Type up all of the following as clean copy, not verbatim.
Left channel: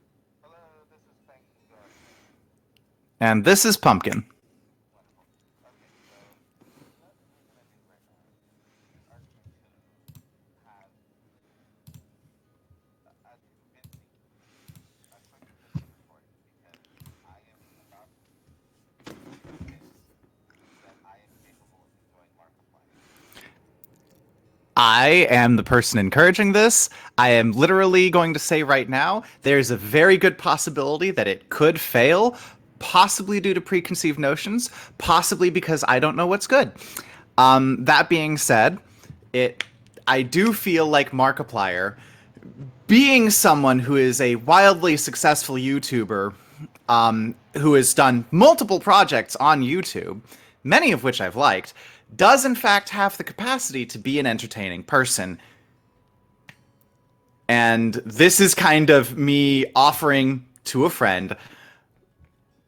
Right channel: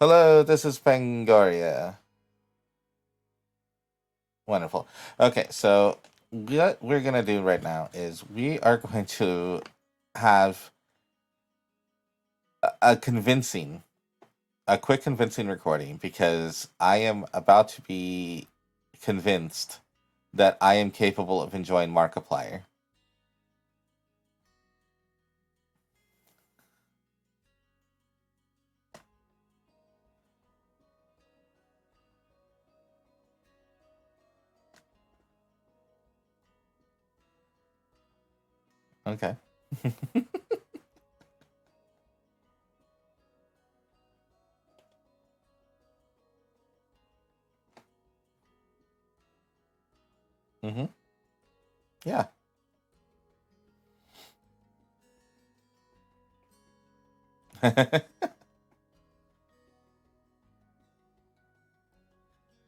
Hello, this is Pangoria. And this is Pumpkin. Wonderful. Okay, so what we're gonna do right now is we are going to have a convincing, a quick convincing recording because I am about to be convinced that I am capable of enjoying Markiplier. I am the person encouraging this. I am literally going to say right now there's a very good possibility that it could fail, possibly due to preconceived notions, possibly because I don't know what's good. That being said, Okay. it I do feel like Markiplier, being someone who is a wildly successful YouTuber, who has done multiple projects on YouTube, Mm-hmm. many of which I've liked, Yeah. does in fact have the capacity to be an entertaining person. And this is kind of me offering to a friend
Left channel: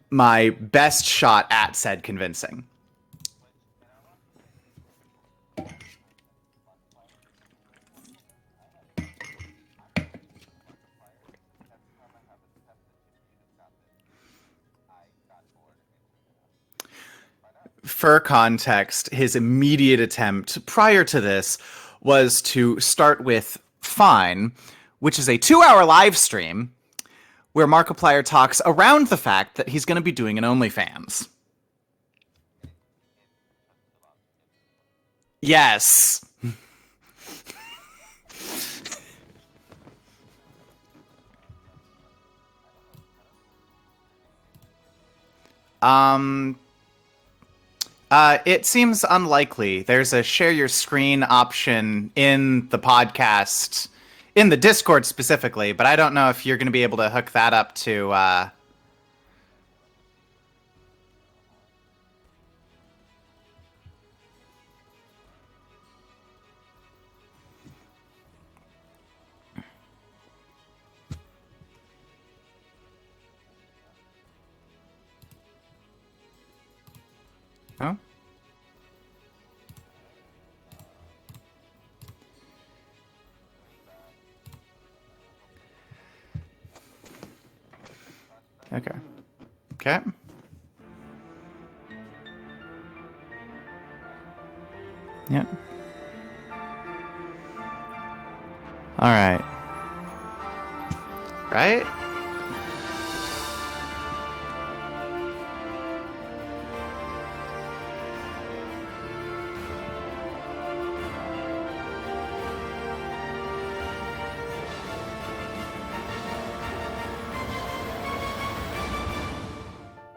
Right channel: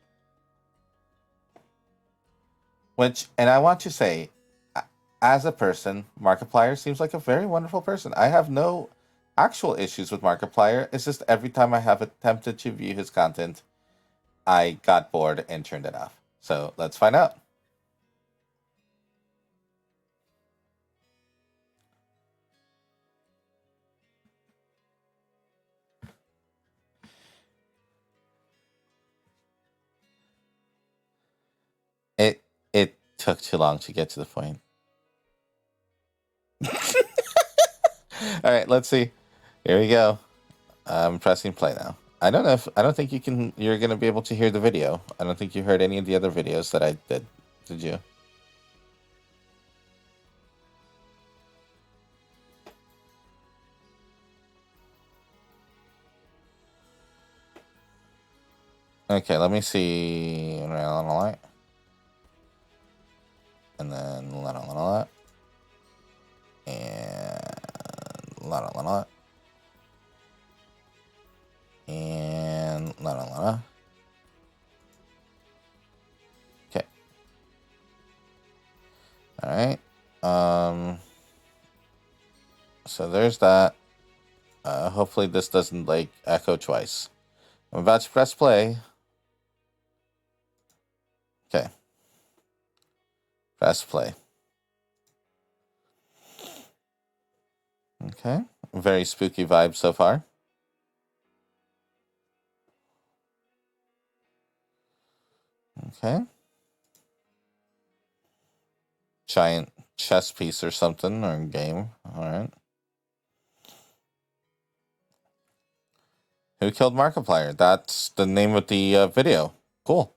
my best shot at said convincing. And I want to say, as a person, Markiplier seems like a very wonderful person. I have no actual issues with Markiplier. It's just every time I have attempted to view his content, I got bored and turned it off. So let's find out. For context, his immediate attempt prior to this was to start with Fine, which is a 2-hour live stream where Markiplier talks around the fact that he's going to be doing an OnlyFans. It took too long to get to the point. Yes. All right, let's see. Here we go. I'm pressing play now. I don't think you're gonna be able to hear the video. I don't think you heard any of the other videos that I did. Did you? It seems unlikely. There's a share your screen option in the podcast, in the Discord specifically, but I don't know if you're going to be able to hook that up to. Okay, let me see. And then and okay. Oh. All right. So there's that. Hopefully this doesn't like echo twice. I'm about to press play. Okay. Okay. Okay. Press play. Yeah. Okay. Very All spooky right. vibe so far. Right? Okay. Giant chess piece or something, or game. Alright. Who killed Markiplier? That's the name of the video. Cool.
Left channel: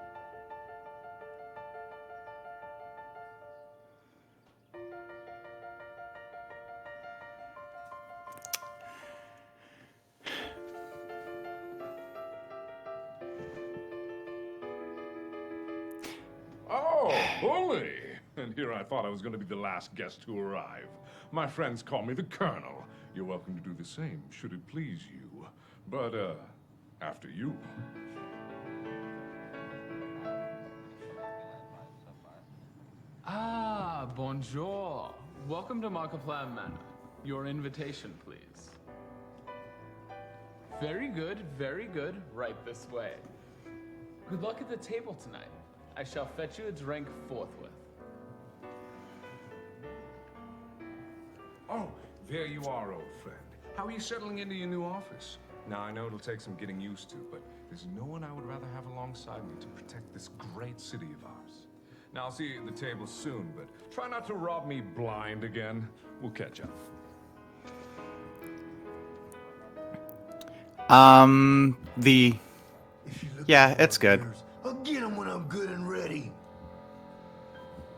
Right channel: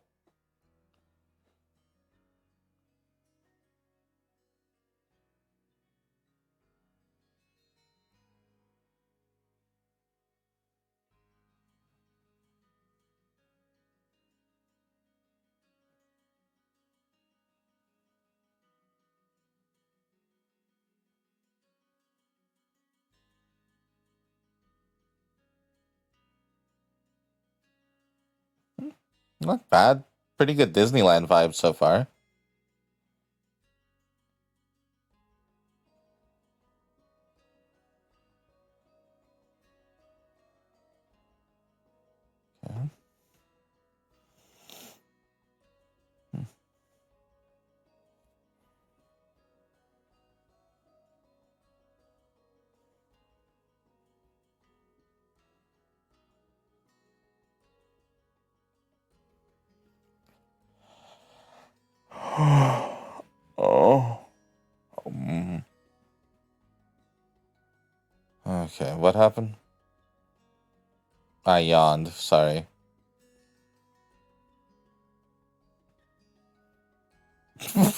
Oh, bully! And here I thought I was going to be the last guest to arrive. My friends call me the Colonel. You're welcome to do the same, should it please you. But, after you. Not bad. Pretty good Disneyland vibe so far. Ah, bonjour. Welcome to Markiplier Manor. Your invitation, please. Very good, very good. Right this way. Good luck at the table tonight. I shall fetch you a drink forthwith. Oh, there you are, old friend. How are you settling into your new office? Now, I know it'll take some getting used to, but there's no one I would rather have alongside me to protect this great city of ours. Now, I'll see you at the table soon, but try not to rob me blind again. We'll catch up. Okay, what happened? I yawned. The Sorry. Yeah, it's good. I'll get him when I'm good and ready. And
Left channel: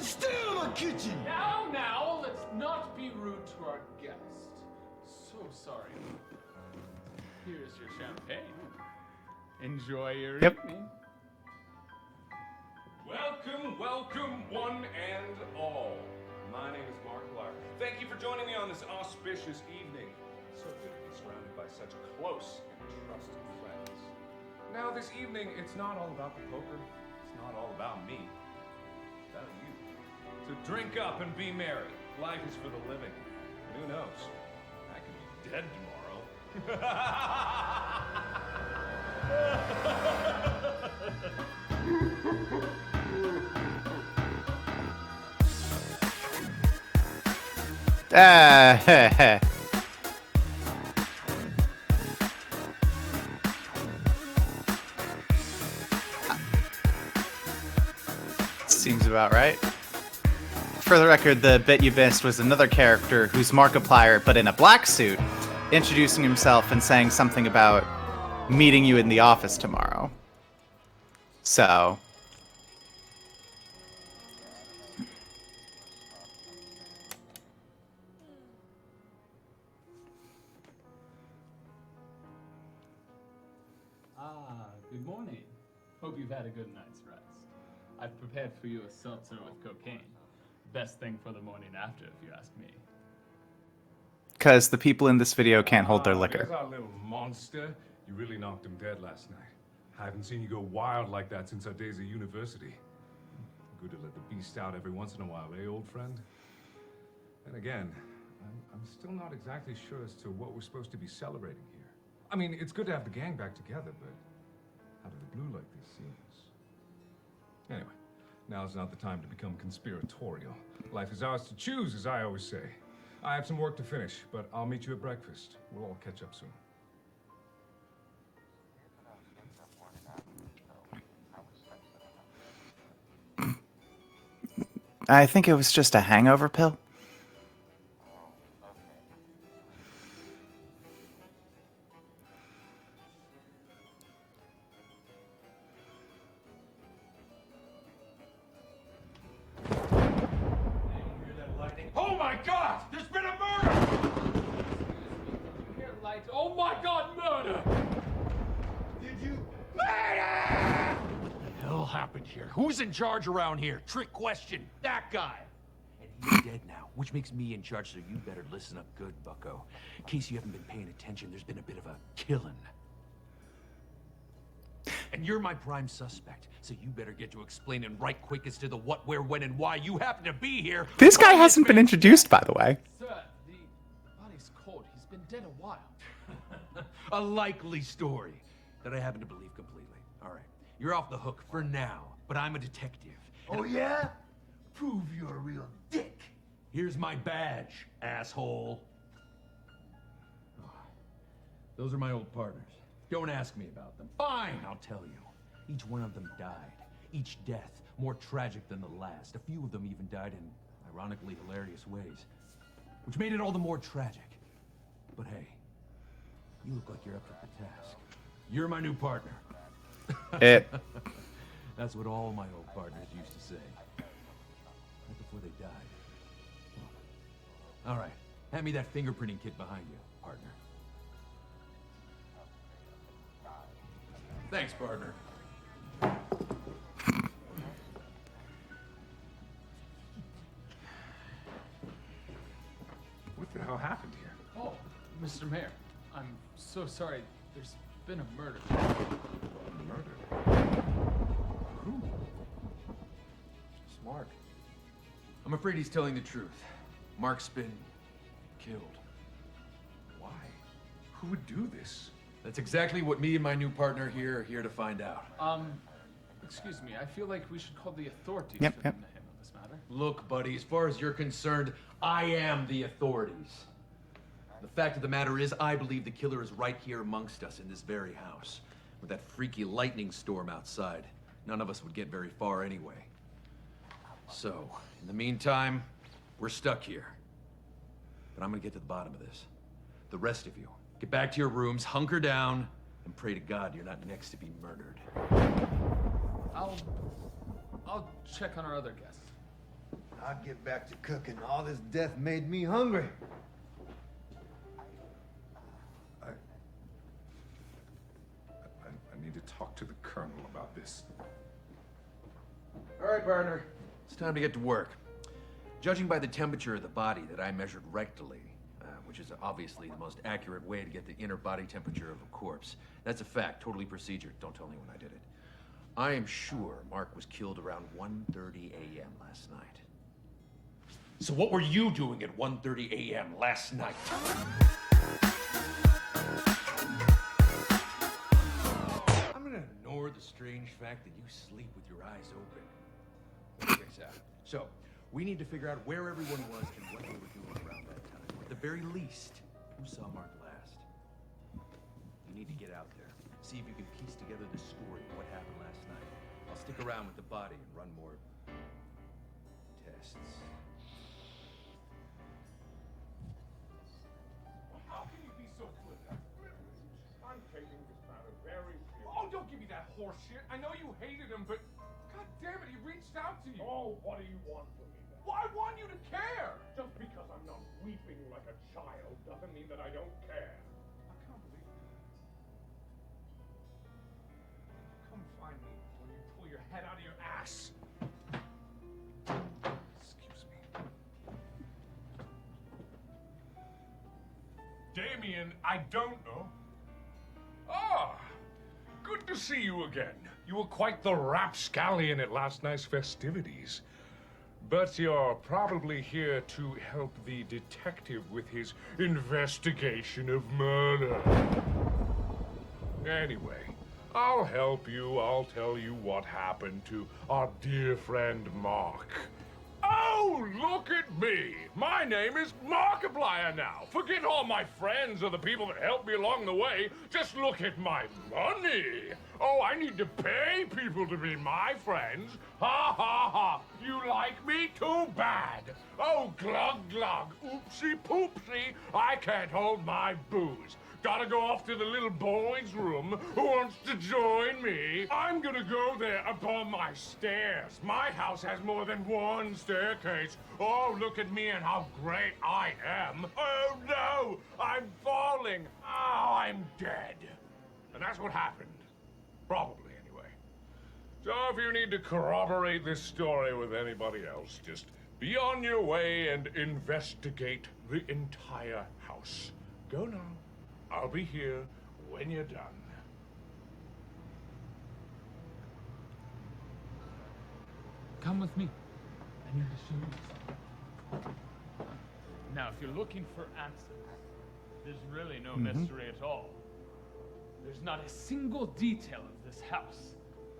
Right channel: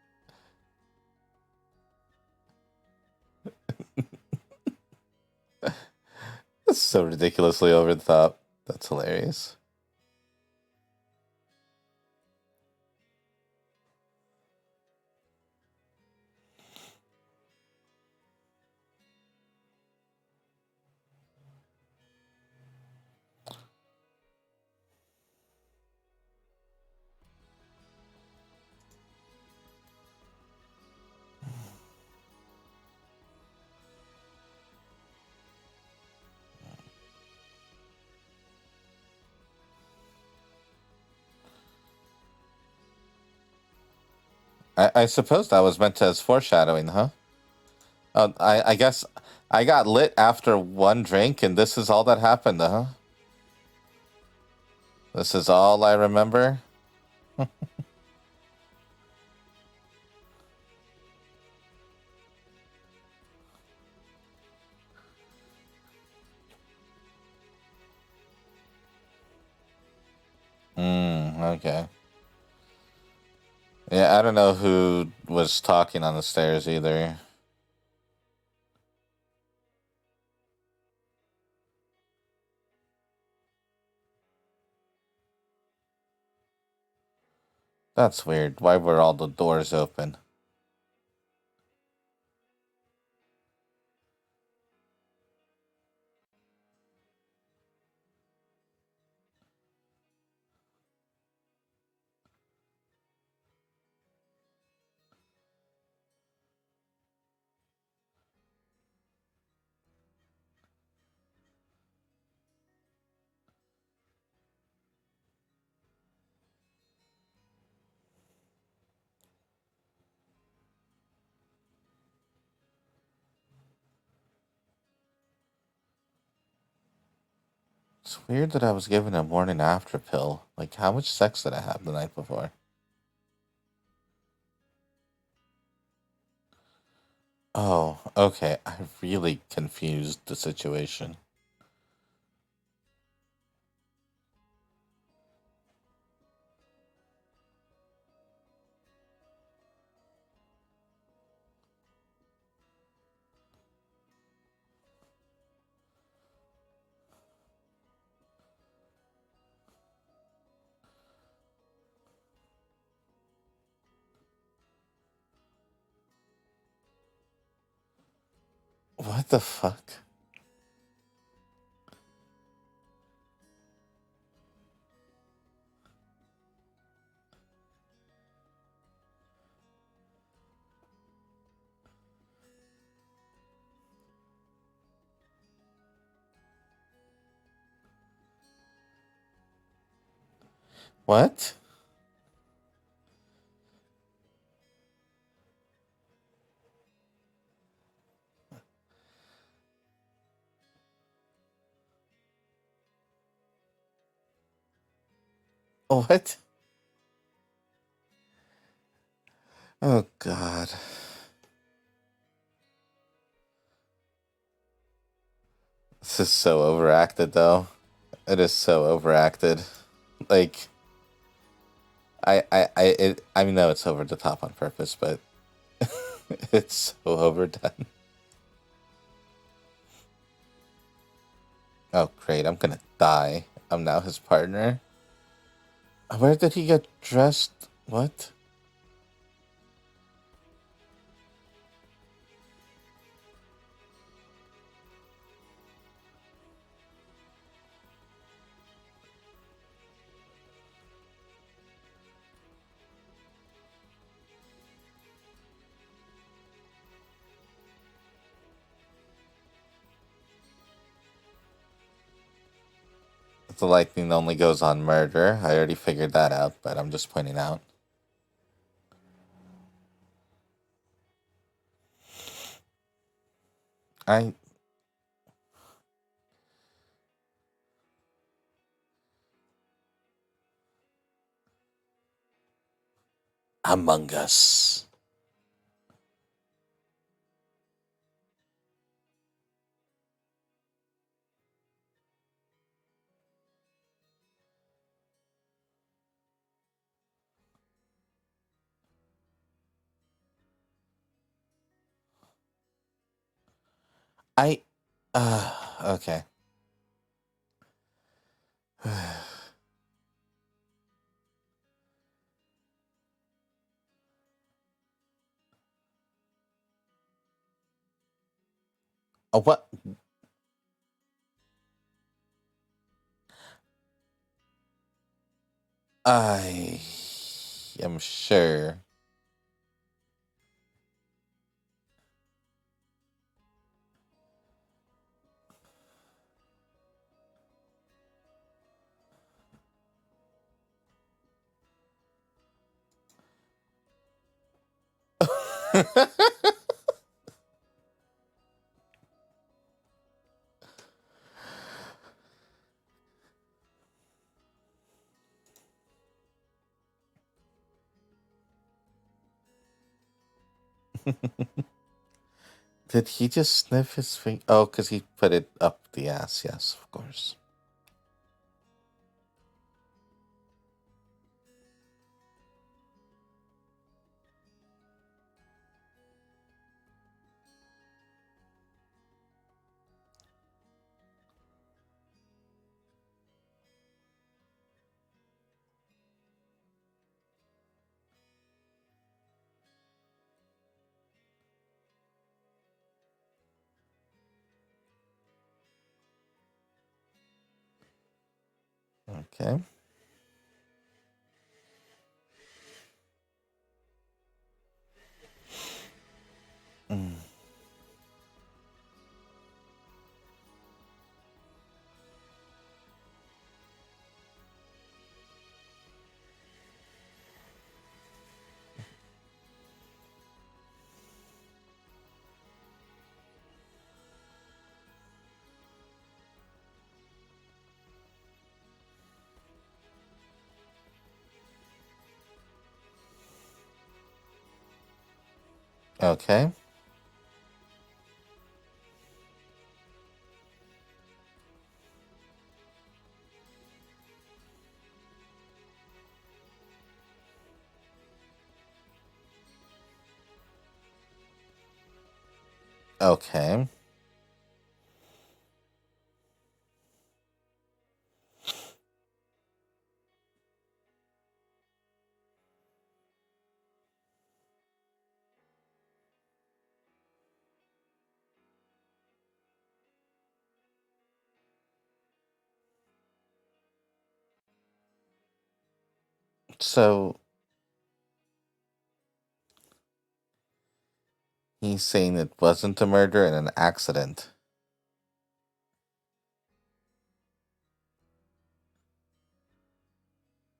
stay out of my kitchen. Now, let's not be rude to our guests. So sorry. That's so ridiculously over the top. That's hilarious. Enjoy your Yep. evening. Welcome, one and all. My name is Markiplier. Thank you for joining me on this auspicious evening. So good to be surrounded by such close and trusted friends. Now, this evening, it's not all about the poker. It's not all about me. It's about you. So drink up and be merry. Life is for the living. And who knows? I could be dead tomorrow. I suppose that was meant as foreshadowing, huh? I guess I got lit after one drink, and this is all that happened, huh? This is all I remember? Seems about right. For the record, the bit you missed was another character who's Markiplier, but in a black suit, introducing himself and saying something about meeting you in the office tomorrow. Okay. So, Yeah, I don't know who was talking on the stairs either. Good morning. Hope you've had a good night's rest. That's weird. Why were all the doors open? Best thing for the morning after, if you ask me. because the people in this video can't hold their liquor. There's our little monster. You really knocked him dead last night. I haven't seen you go wild like that since our days at university. Good to let the beast out every once in a while, eh, old friend? And again, I'm still not exactly sure as to what we're supposed to be celebrating here. I mean, it's good to have the gang back together, but out of the blue like this seems... Anyway, now's not the time to become conspiratorial. Life is ours to choose, as I always say. I have some work to finish, but I'll meet you at breakfast. We'll all catch up soon. It's weird that I was given a morning after pill. Like, how much sex did I have the night before? I think it was just a hangover pill. Oh, okay. I really confused the situation. Oh my God! There's been a murder! Here, lights. Oh my God, murder! Did you? What the hell happened here? Who's in charge around here? Trick question. That guy. And he's dead now, which makes me in charge, so you better listen up. What the fuck? In case you haven't been paying attention, there's been a bit of a killing. And you're my prime suspect, so you better get to explaining right quick as to the what, where, when, and why you happen to be here. This guy Why hasn't been it's introduced, by the way. Sir, the body's cold. He's been dead a while. a likely story that I happen to believe completely. All right, you're off What? the hook for now, but I'm a detective. and Oh yeah? Prove you're a real dick. Here's my badge, asshole. Those are my old partners. Don't ask me about them. Fine, I'll tell you. Each one of them What? died. Each death more tragic than the last. A few of them Oh, even died in God. ironically hilarious ways, which made it all the more tragic. But hey, This is so overacted, though. It is You're so right, overacted. Like, It- that's what all I know it's over the top on purpose, but before they died. it's so overdone. All right, hand me that fingerprinting kit behind you, partner. Oh, great. I'm gonna die. I'm now his partner. Thanks, partner. Where did he get dressed? What? What the hell happened here? Oh, Mr. Mayor, I'm so sorry. There's been a murder. Murder? Who? Mark. I'm afraid he's telling the truth. Mark's been killed. Why? Who would do this? That's exactly what me and my The new lightning partner only here goes here to on find murder. out. I already figured that out, but I'm I just feel pointing like out. We should call the authorities Yep, for them yep. to handle this matter. Look, buddy, as far as you're concerned, I am the authorities. I The fact of the matter is, I believe the killer is right here amongst us in this very house. With that freaky lightning storm outside, none of us would get very far anyway. Among So, Us. in the meantime, we're stuck here. But I'm gonna get to the bottom of this. The rest of you, get back to your rooms, hunker down, and pray to God you're not next to be murdered. I'll check on our other guests. I'll get back to cooking. All this death made me hungry. Okay. I need to talk to the colonel about this. All right, partner. It's time to get to work. Judging by the temperature of the body that I measured rectally, which is Oh, what? obviously the most accurate way to get the inner body temperature of a corpse. That's a fact, totally procedured. Don't tell anyone I did it. I'm sure Mark was killed around am 1:30 sure. a.m. last night. So what were you doing at 1:30 a.m. last night? fact that you sleep with your eyes open. Check this out. So, we need to figure out where everyone was and what they were doing around that time. At the very least, who saw Mark last? You need to get out there. See if you can piece together the story of what happened last night. I'll stick around with the body and run more tests. Did he just sniff his finger? Oh, because he put it up the ass. Yes, of course. Oh, don't give me that horse shit. I know you hated him, but god damn it, he reached out to you. Oh, what do you want from me then? Well, I want you to care. Just because I'm not weeping like a child doesn't mean that I don't care. I can't believe it. Come find me when you pull your head out of your ass. Excuse me. Damien, I don't know. Ah, good to see you again. You were quite the rapscallion at last night's festivities. But you're probably here to help the detective with his investigation of murder. Anyway, I'll help you. I'll tell you what happened to our dear friend Mark. Oh, look at me! My name is Markiplier now. Forget all my friends or the people that helped me along the way. Just look at my money. Oh, I need to pay people to be my friends. Ha ha ha! You like me? Too bad. Okay. Oh, glug glug. Oopsie poopsie. I can't hold my booze. Gotta go off to the little boy's room who wants to join me. I'm gonna go there up on my stairs. My house has more than one staircase. Oh, look at me and how great I am. Okay. Oh no, I'm falling. Oh, I'm dead. And that's what happened. Probably, anyway. So if you need to corroborate this story with anybody else, just be on your way and investigate the entire house. Go now. I'll be here when you're done. So Come with me. I need to show you something. he's saying it wasn't a murder and an accident. There's really no mystery at all. There's not a single detail of this house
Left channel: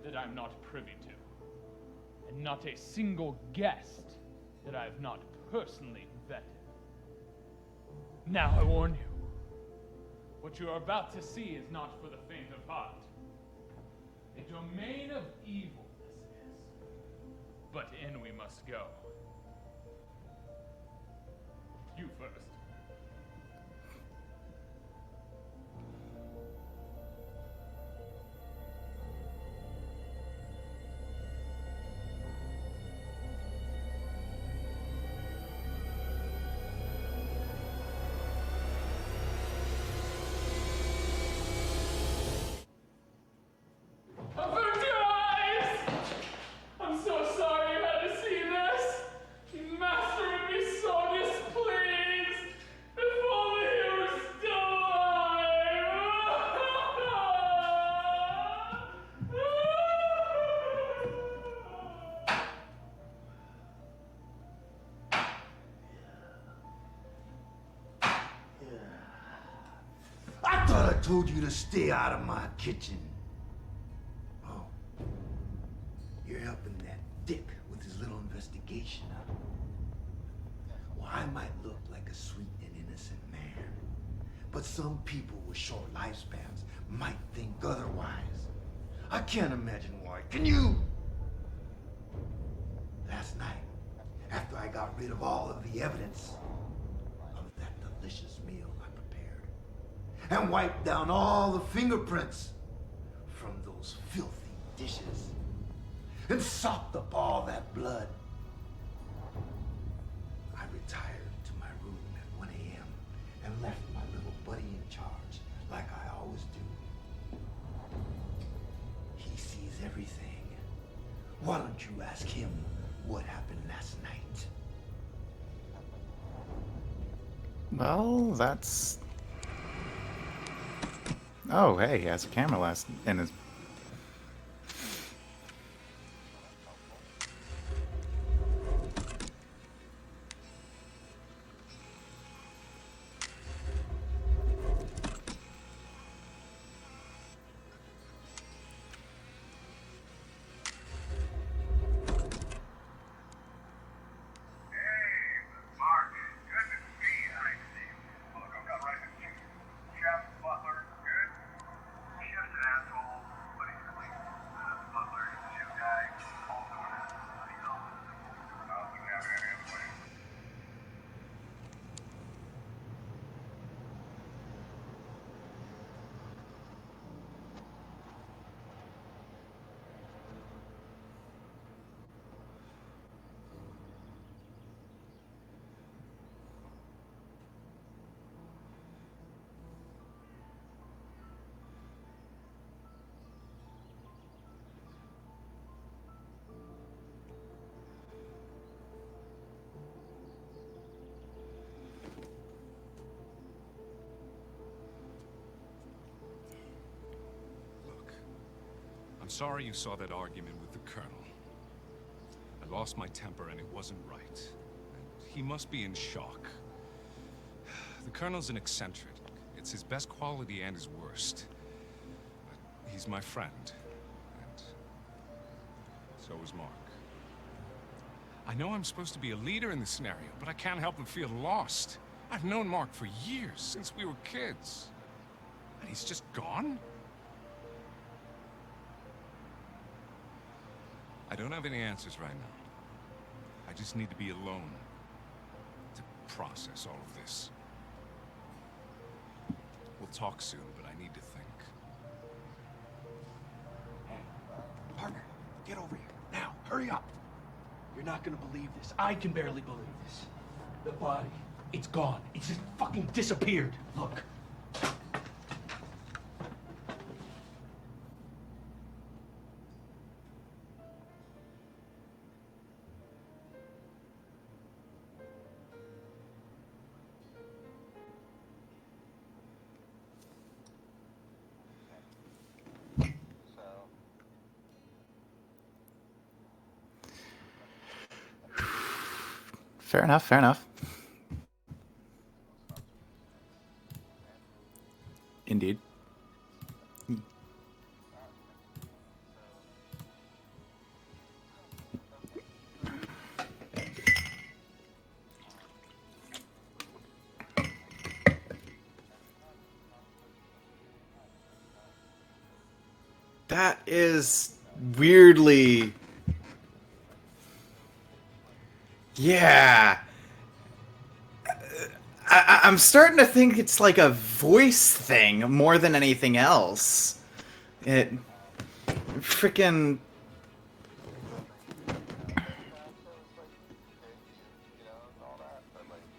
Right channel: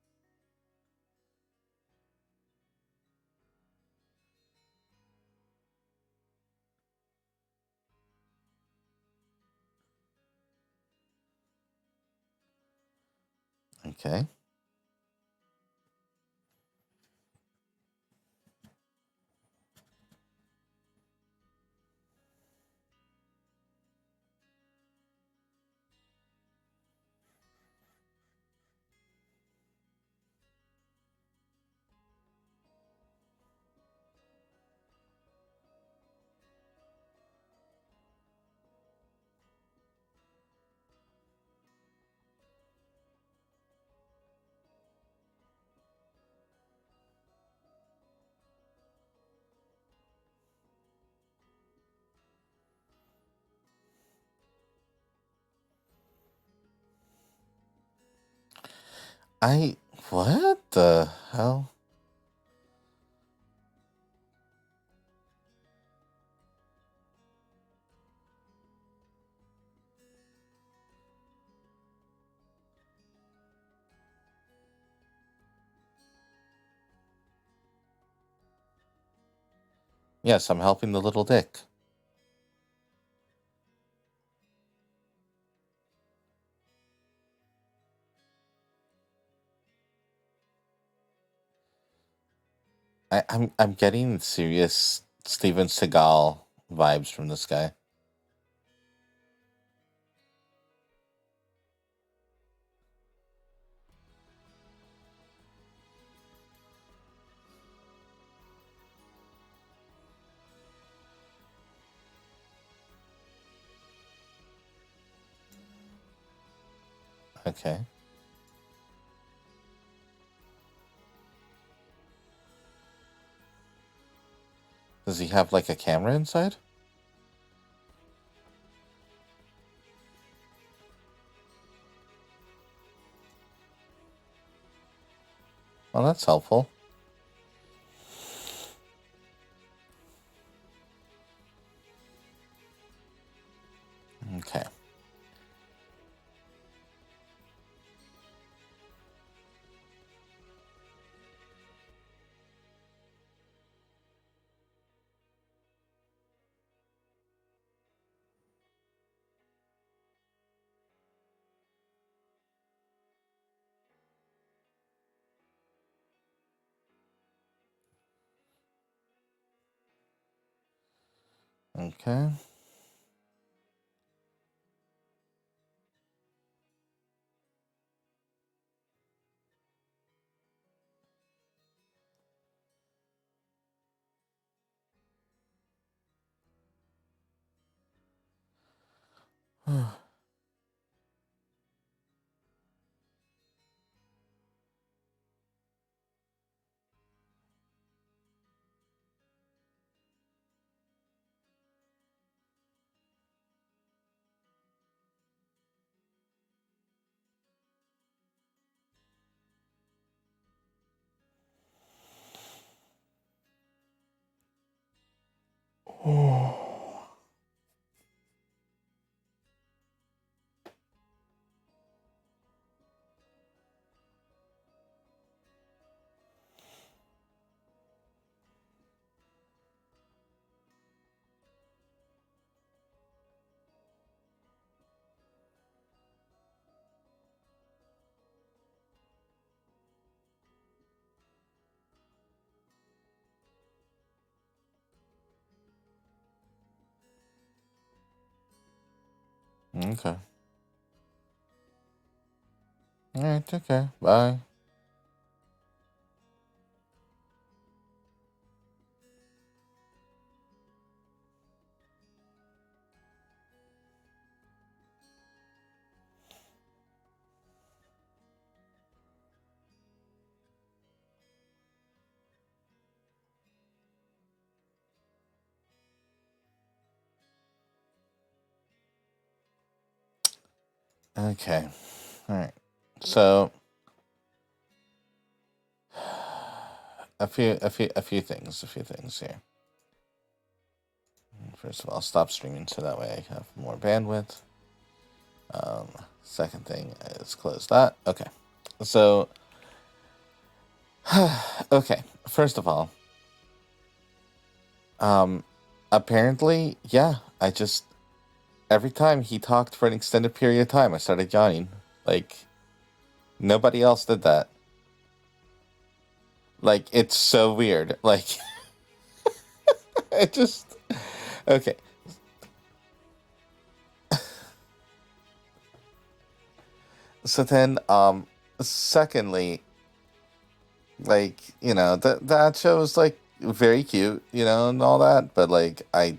that I'm not privy to. And not a single guest that I've not personally vetted. Now I warn you. What you are about to see is not for the faint of heart. Okay. A domain of evil this is. But in we must go. You first. I'm so sorry you had to see this. Master would be so displeased. If only he were still alive. What the hell? I thought I told you to stay out of my kitchen. Oh. You're helping that dick with his little investigation, huh? Yes, I'm helping the little I dick. might look like a sweet and innocent man, but some people with short lifespans might think otherwise. I can't imagine why. Can you? I'm getting serious Steven Seagal vibes from this guy. Delicious meal I prepared, and wipe down all the fingerprints from those filthy dishes, and sopped up all that blood. I retired to my room at 1 a.m. and left my little buddy in charge, like I always do. Okay. He sees everything. Why don't you ask him what happened last night? Does he have like a camera inside? Well, that's. Oh, hey, he has a camera last in his. Well, that's helpful. Okay. Okay. Look, I'm sorry you saw that argument with the Colonel. I lost my temper and it wasn't right. And he must be in shock. The Colonel's an eccentric. It's his best quality and his worst. But he's my friend. And so is Mark. I know I'm supposed to be a leader in this scenario, but I can't help but feel lost. I've known Mark for years, since we were kids. And he's just gone? I don't have any answers right now. I just need to be alone to process all of this. Okay. We'll talk soon, but I need to think. Alright, okay. Bye. Partner, get over here. Now, hurry up. You're not gonna believe this. I can barely believe this. The body, it's gone. It's just fucking disappeared. Look. Okay. Alright. So a few things. So Fair enough. Fair enough. first of all, stop streaming so that way I have more bandwidth. Indeed. Second thing is close that. Okay. So okay. First of all, apparently, yeah, I just every time he talked for an extended period of time, I started yawning. Like nobody else did that. Weirdly. Like it's so weird. Like Yeah. it just okay. I'm starting to think it's like a voice thing more than anything else. So then, secondly, Freaking. like that show was like very cute, and all that, but like I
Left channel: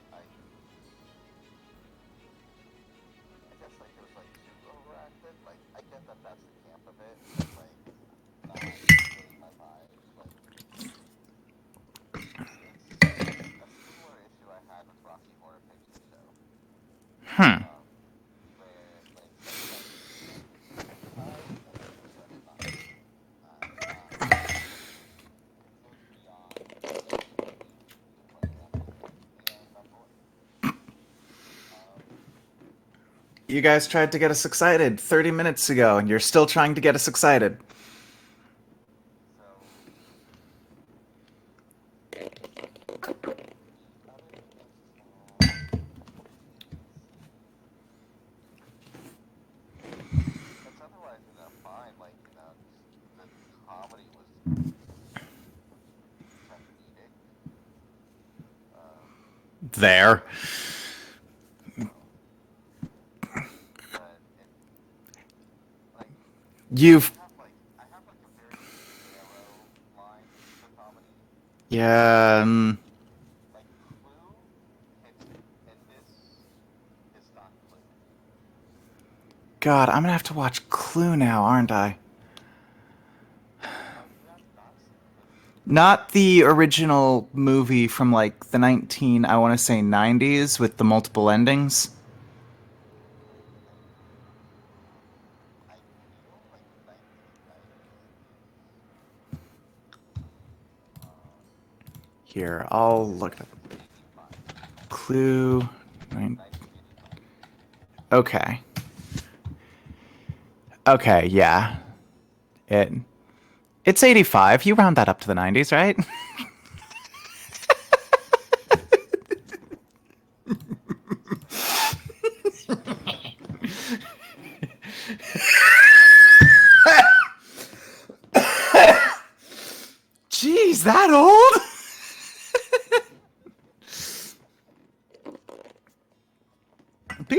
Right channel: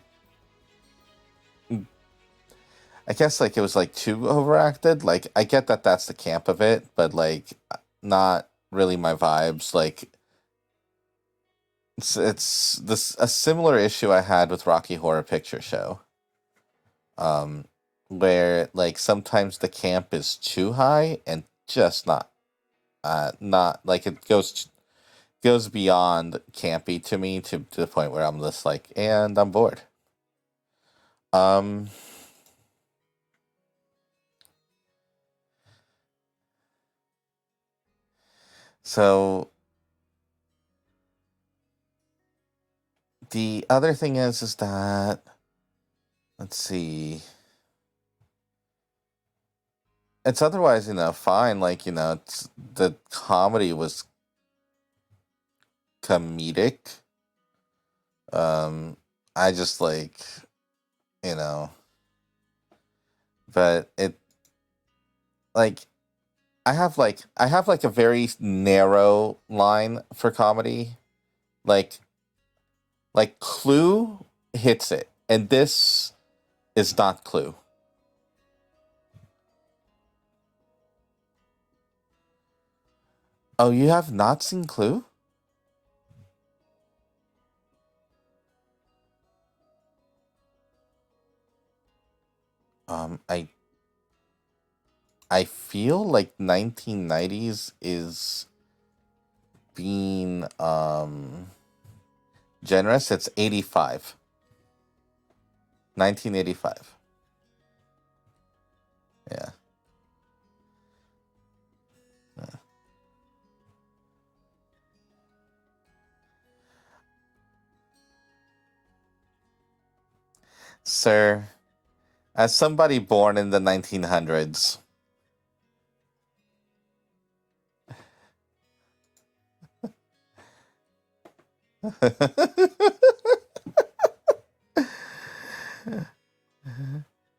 guess like it was like too overacted. Like I get that that's the camp of it, but like not really my vibes. Like it's a similar issue I had with Rocky Horror Picture Show. Where like sometimes the camp is too high and just not like it goes beyond campy to me to the point where I'm just like, and I'm bored. You guys tried to get us excited 30 minutes ago, and you're still trying to get us excited. So the other thing is that let's see. It's otherwise, fine. Like, it's, the comedy was comedic. I just There. but it like I have like a very narrow line for comedy. Like like Clue hits it, and this is not Clue. God, I'm gonna have to watch Clue now, aren't I? Oh, you have not seen Clue? Not the original movie from like the 90s with the multiple endings. I feel like 1990s is being Here, generous. I'll It's look. 85. Clue. 1985. Okay. Yeah. Okay, yeah. It's 85. You round that up to the 90s, right? Sir, as somebody born in the 1900s, Jeez, that old?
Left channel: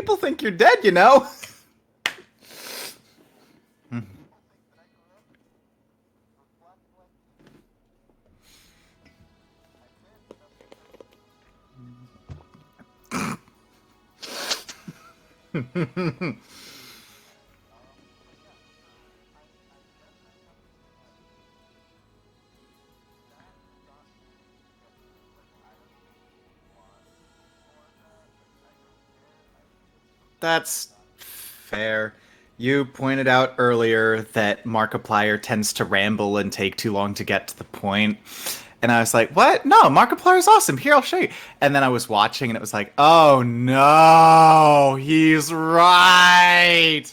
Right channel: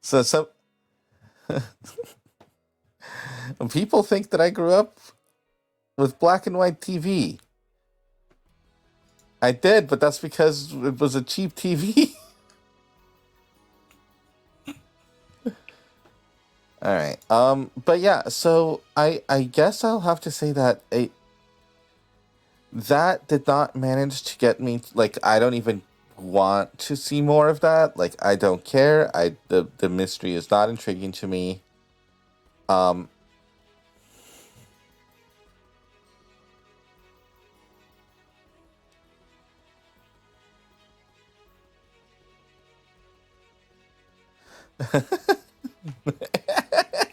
People So think some- you're dead, you know. People think that I grew up with black and white TV. I did, but that's because it was a cheap TV. All right. But yeah, so I guess I'll have to say that that did not manage to get me, like, I don't even want to see more of that. Like, I don't care. The mystery is not That's intriguing to me. Fair. You pointed out earlier that Markiplier tends to ramble and take too long to get to the point. And I was like, what? No, Markiplier is awesome. Here, I'll show you. And then I was watching and it was like, oh no, he's right.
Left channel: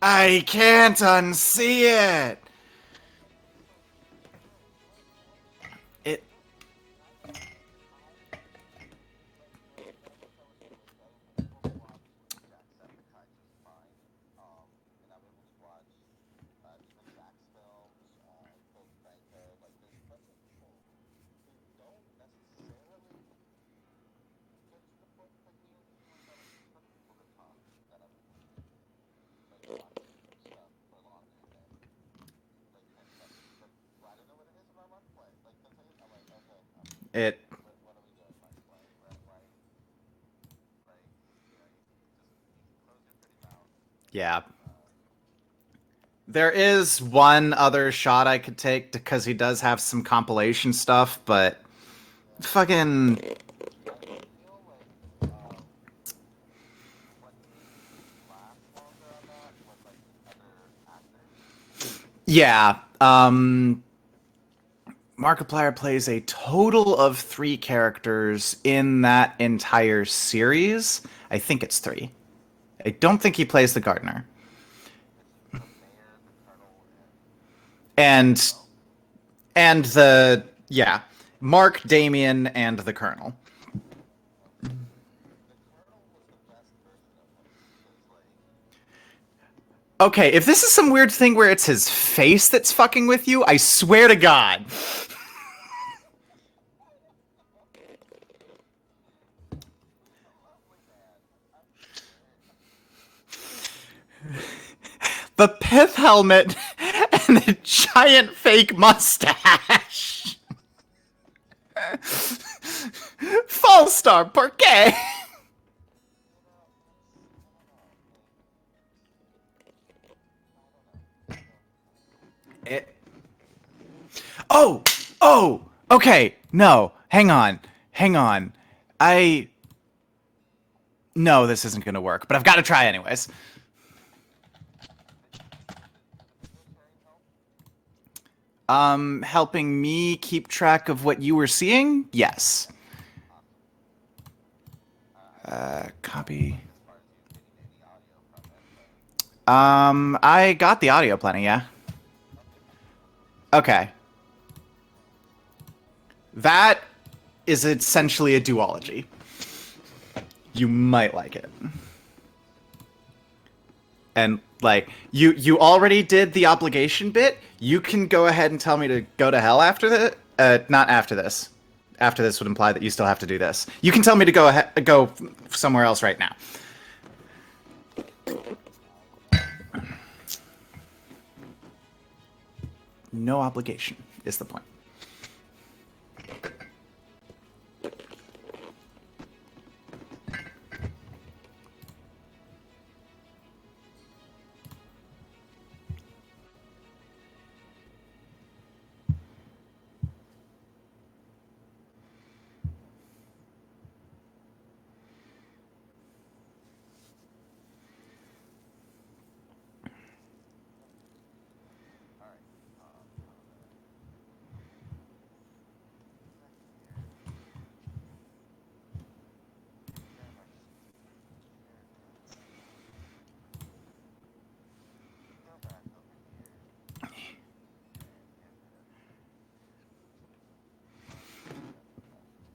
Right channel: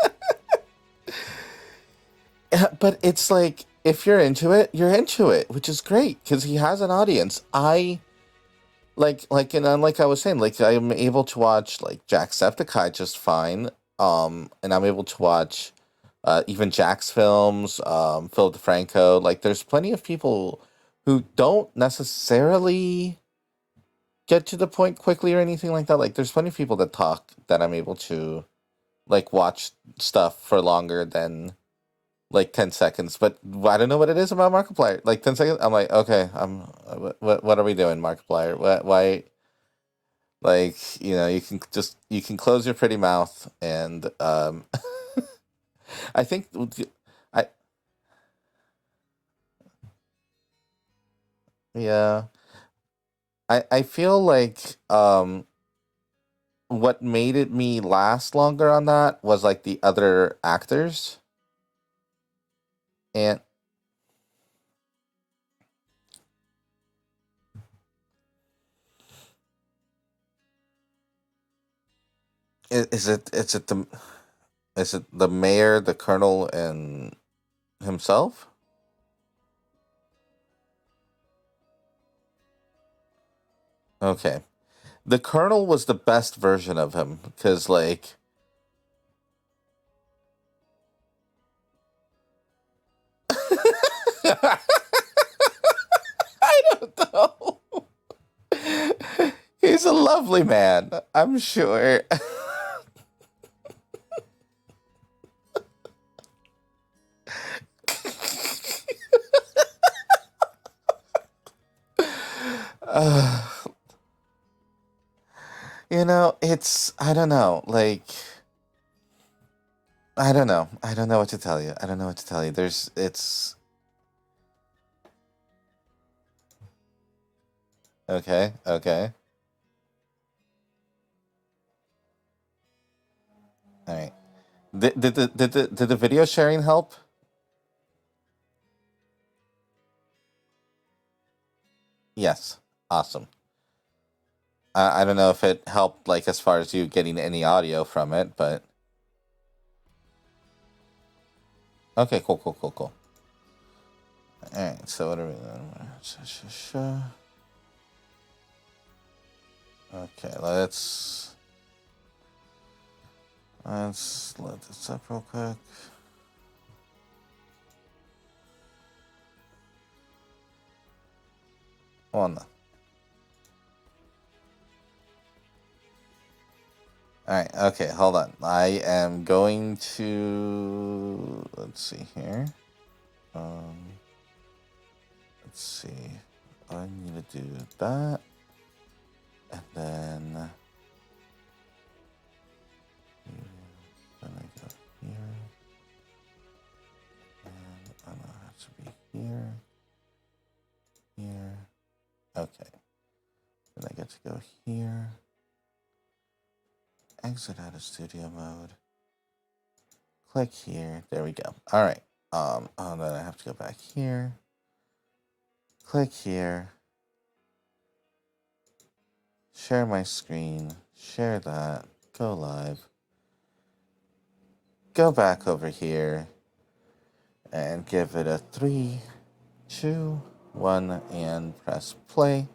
I can't unsee it. But it's like, if you're into it, you're into it, which is great because he has an audience. And like I was saying, like, I'm able to watch like Jacksepticeye just fine. And I'm able to watch even Jack's films, Philip DeFranco. Like, there's plenty of people who don't necessarily get to the point quickly or anything like that. Like, there's plenty of people that talk that I'm able to, like, watch stuff for longer than, like, 10 seconds. But I don't know what it is about Markiplier. Like, 10 seconds, I'm like, okay, what are we doing, Markiplier? Why? Like, you know, you can close your pretty mouth and, Yeah. I think There is one other shot I could take because he does have some compilation stuff, but yeah. fucking I feel like what made it me last longer on that was like the other actors. yeah. Markiplier plays a total of 3 characters in that entire series. I think it's 3. I don't think he plays the gardener. Is it the mayor, the colonel, and himself? And Mark, Damien, and the colonel. Okay. The colonel was the best version of him because, like, okay, if this is some weird thing where it's his face that's fucking with you, I swear to God. I don't know. He's a lovely man, I'm sure. The pith helmet and the giant fake mustache. False star, por qué? You know, I don't know, like, I don't know what to tell you. It's. Oh, okay, no, hang on. Okay. No, this isn't gonna work, but I've got to try anyways. All right. Did the video sharing help? Helping me keep track of what you were seeing? Yes. Awesome. I don't know if it helped, like, as far as you getting any audio from it, but. I got the audio plenty, yeah. Okay, cool. Okay. All right, so what are we doing? That is essentially a duology. Okay, You might like it. And like let's you already did the obligation bit. You can go ahead and tell me to go to hell after the not after this. After this would imply that you still have to do this. You can tell me to go somewhere else right now. All right. Okay. Hold on. I am going to. Let's see here. No obligation is the point. Let's see. I need to do that, and then. Then I go here, and I'm gonna have to be here. Okay. Then I get to go here. Exit out of studio mode. Click here. There we go. All right. Then I have to go back here. Click here. Share my screen. Share that. Go live. Go back over here. And give it a 3, 2, 1, and press play.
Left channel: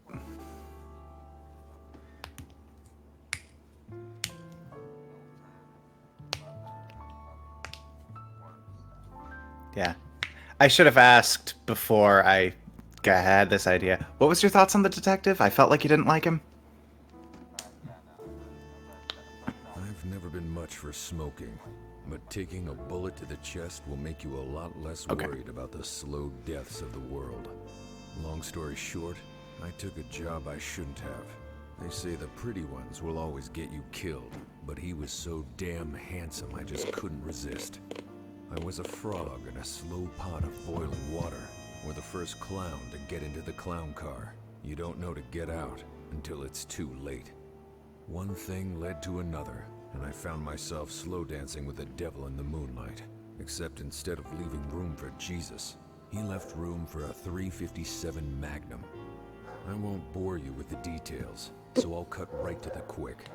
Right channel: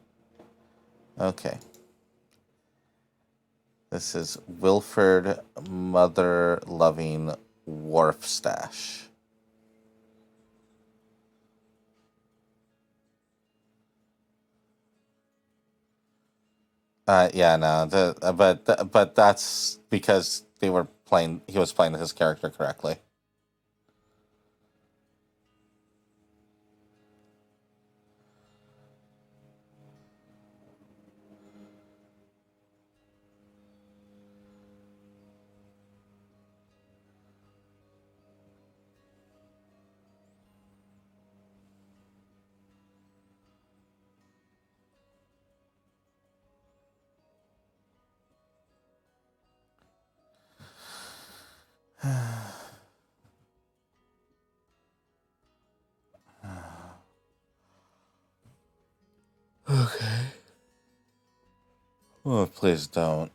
Okay. This is Wilford Mother-Loving Wharf Stash. Yeah. I should have asked before I had this idea. What was your thoughts on the detective? I felt like you didn't like him. Yeah, no, but that's I've because never been they much were for playing. smoking, He was playing his but character taking correctly. a bullet to the chest will make you a lot less Okay. worried about the slow deaths of the world. Long story short, I took a job I shouldn't have. They say the pretty ones will always get you killed, but he was so damn handsome I just couldn't resist. I was a frog in a slow pot of boiling water, or the first clown to get into the clown car. You don't know to get out until it's too late. One thing led to another, and I found myself slow dancing with the devil in the moonlight. Except instead of leaving room for Jesus, he left room for a 357 Magnum. I won't bore you with the details, so I'll cut Oh, right to please the quick. don't.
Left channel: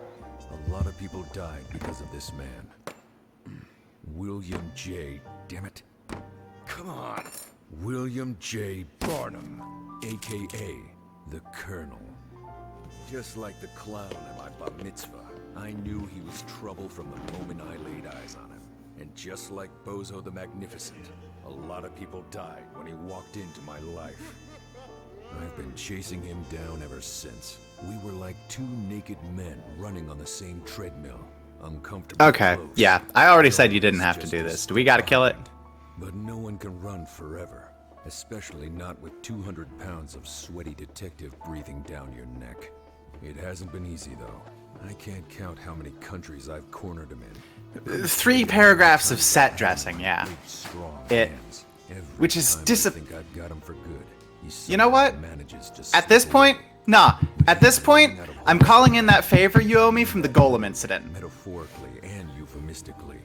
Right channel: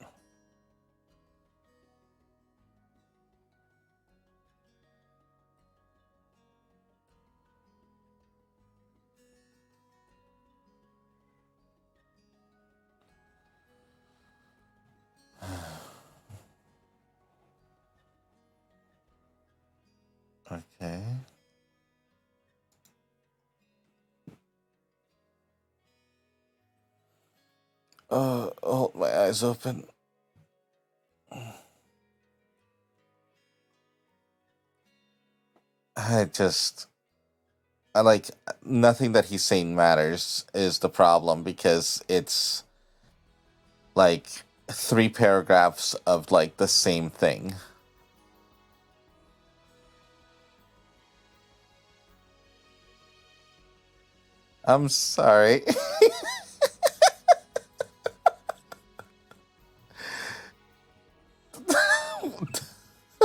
A lot of people died because of this man. William J. Damn it. Come on. William J. Barnum, a.k.a. the Colonel. Just like the clown at my bar mitzvah, I knew he was trouble from the moment I laid eyes on him. And just like Bozo the Magnificent, a lot of people died when he walked into my life. I've been chasing him down ever since. We were like two oh, my naked eyes men open. running on the same treadmill, uncomfortable. Okay, close. yeah. I already said you didn't Darkness have to just do this. Do we gotta kill it? I No one just, can run forever. I like especially nothing not that he's 200 saying pounds matters of is the sweet problem breathing because down your it's neck. It hasn't been easy, like though. 3 Can't count how many paragraphs of countries like I've the same cornered. thing. 3 paragraphs of set dressing, yeah. Big, strong It- hands. Every which is time I disap- think I've got him for good. You know what? Sorry. At this point, nah. At this point, I'm calling in that favor you owe me from the Golem incident. Metaphorically and euphemistically.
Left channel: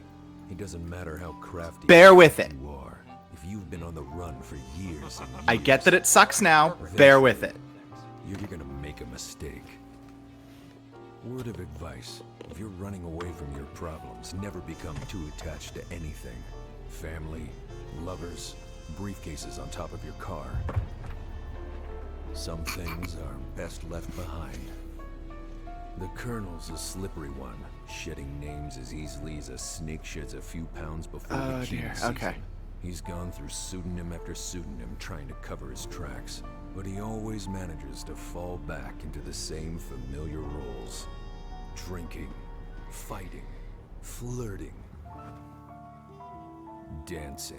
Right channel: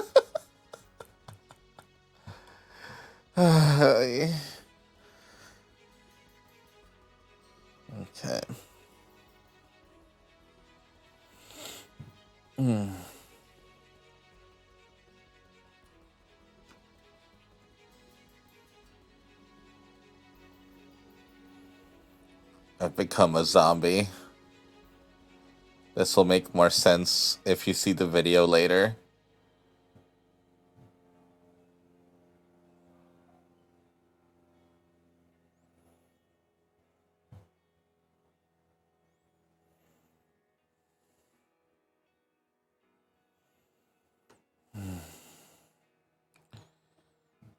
It doesn't matter how crafty Bear with it. you are. For years and I get that it sucks now. Bear with it. you're gonna make a mistake. Word of advice: if you're running away from your problems, never become too attached to anything. Family, lovers, briefcases on top of your car. Some things become a are best zombie. left behind. This will make more Colonel's a sense slippery one. if you see the Sheds video just later. as easily as a snake sheds a few pounds before Oh, the dear. heat season. Okay. He's gone through pseudonym after pseudonym trying to cover his tracks, but he always manages to fall back into the same familiar roles. Drinking, fighting, flirting, dancing.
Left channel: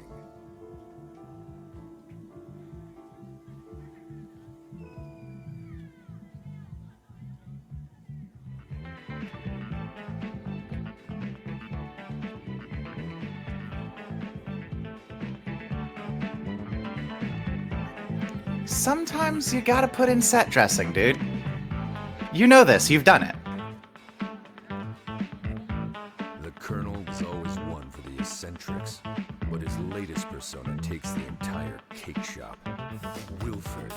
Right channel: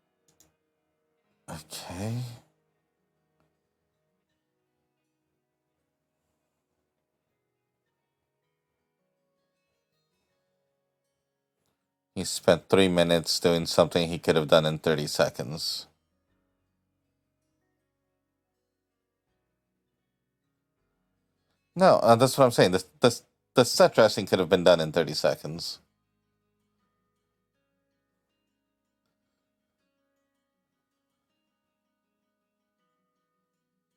Okay. He spent 3 minutes doing something he could have done in 30 seconds. Sometimes you gotta put in set dressing, dude. No, that's what You I'm know saying. this, you've The- done it. The set dressing could have been done in 30 seconds. The Colonel was always one for the eccentrics, but his latest persona takes the entire cake shop. Wilford,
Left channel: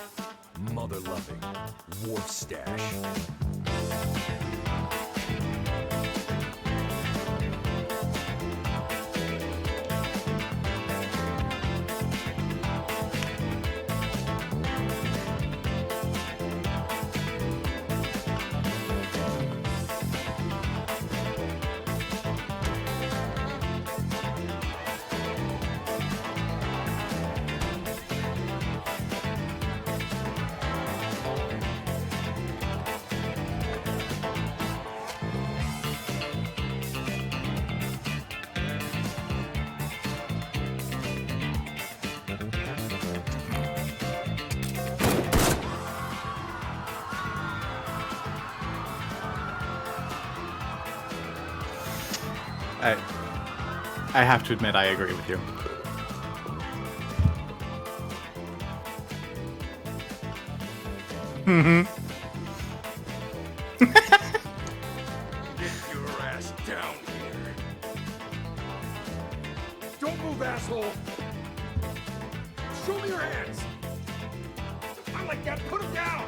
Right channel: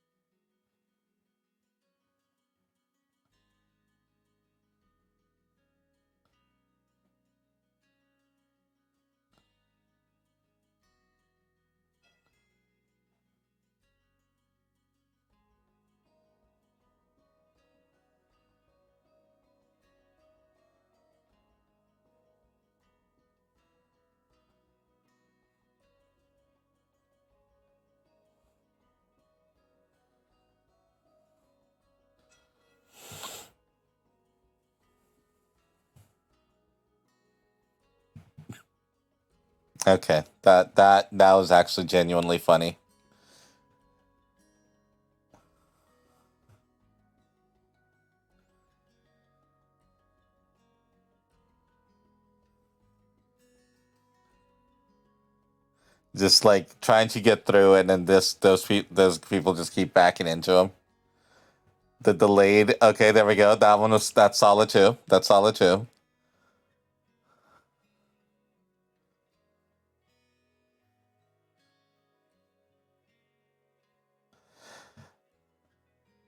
mother-loving, wharf stash. Okay, that was actually genuinely funny. I have to admit, I agree with you. Just like trying to get through it, and those people just keep backing into him. Mm-hmm. The delayed. Okay, there we go. That one was that's solid too. That's solid too. Your ass down here. Don't move, asshole. Show me your hands. I like that. Put him down.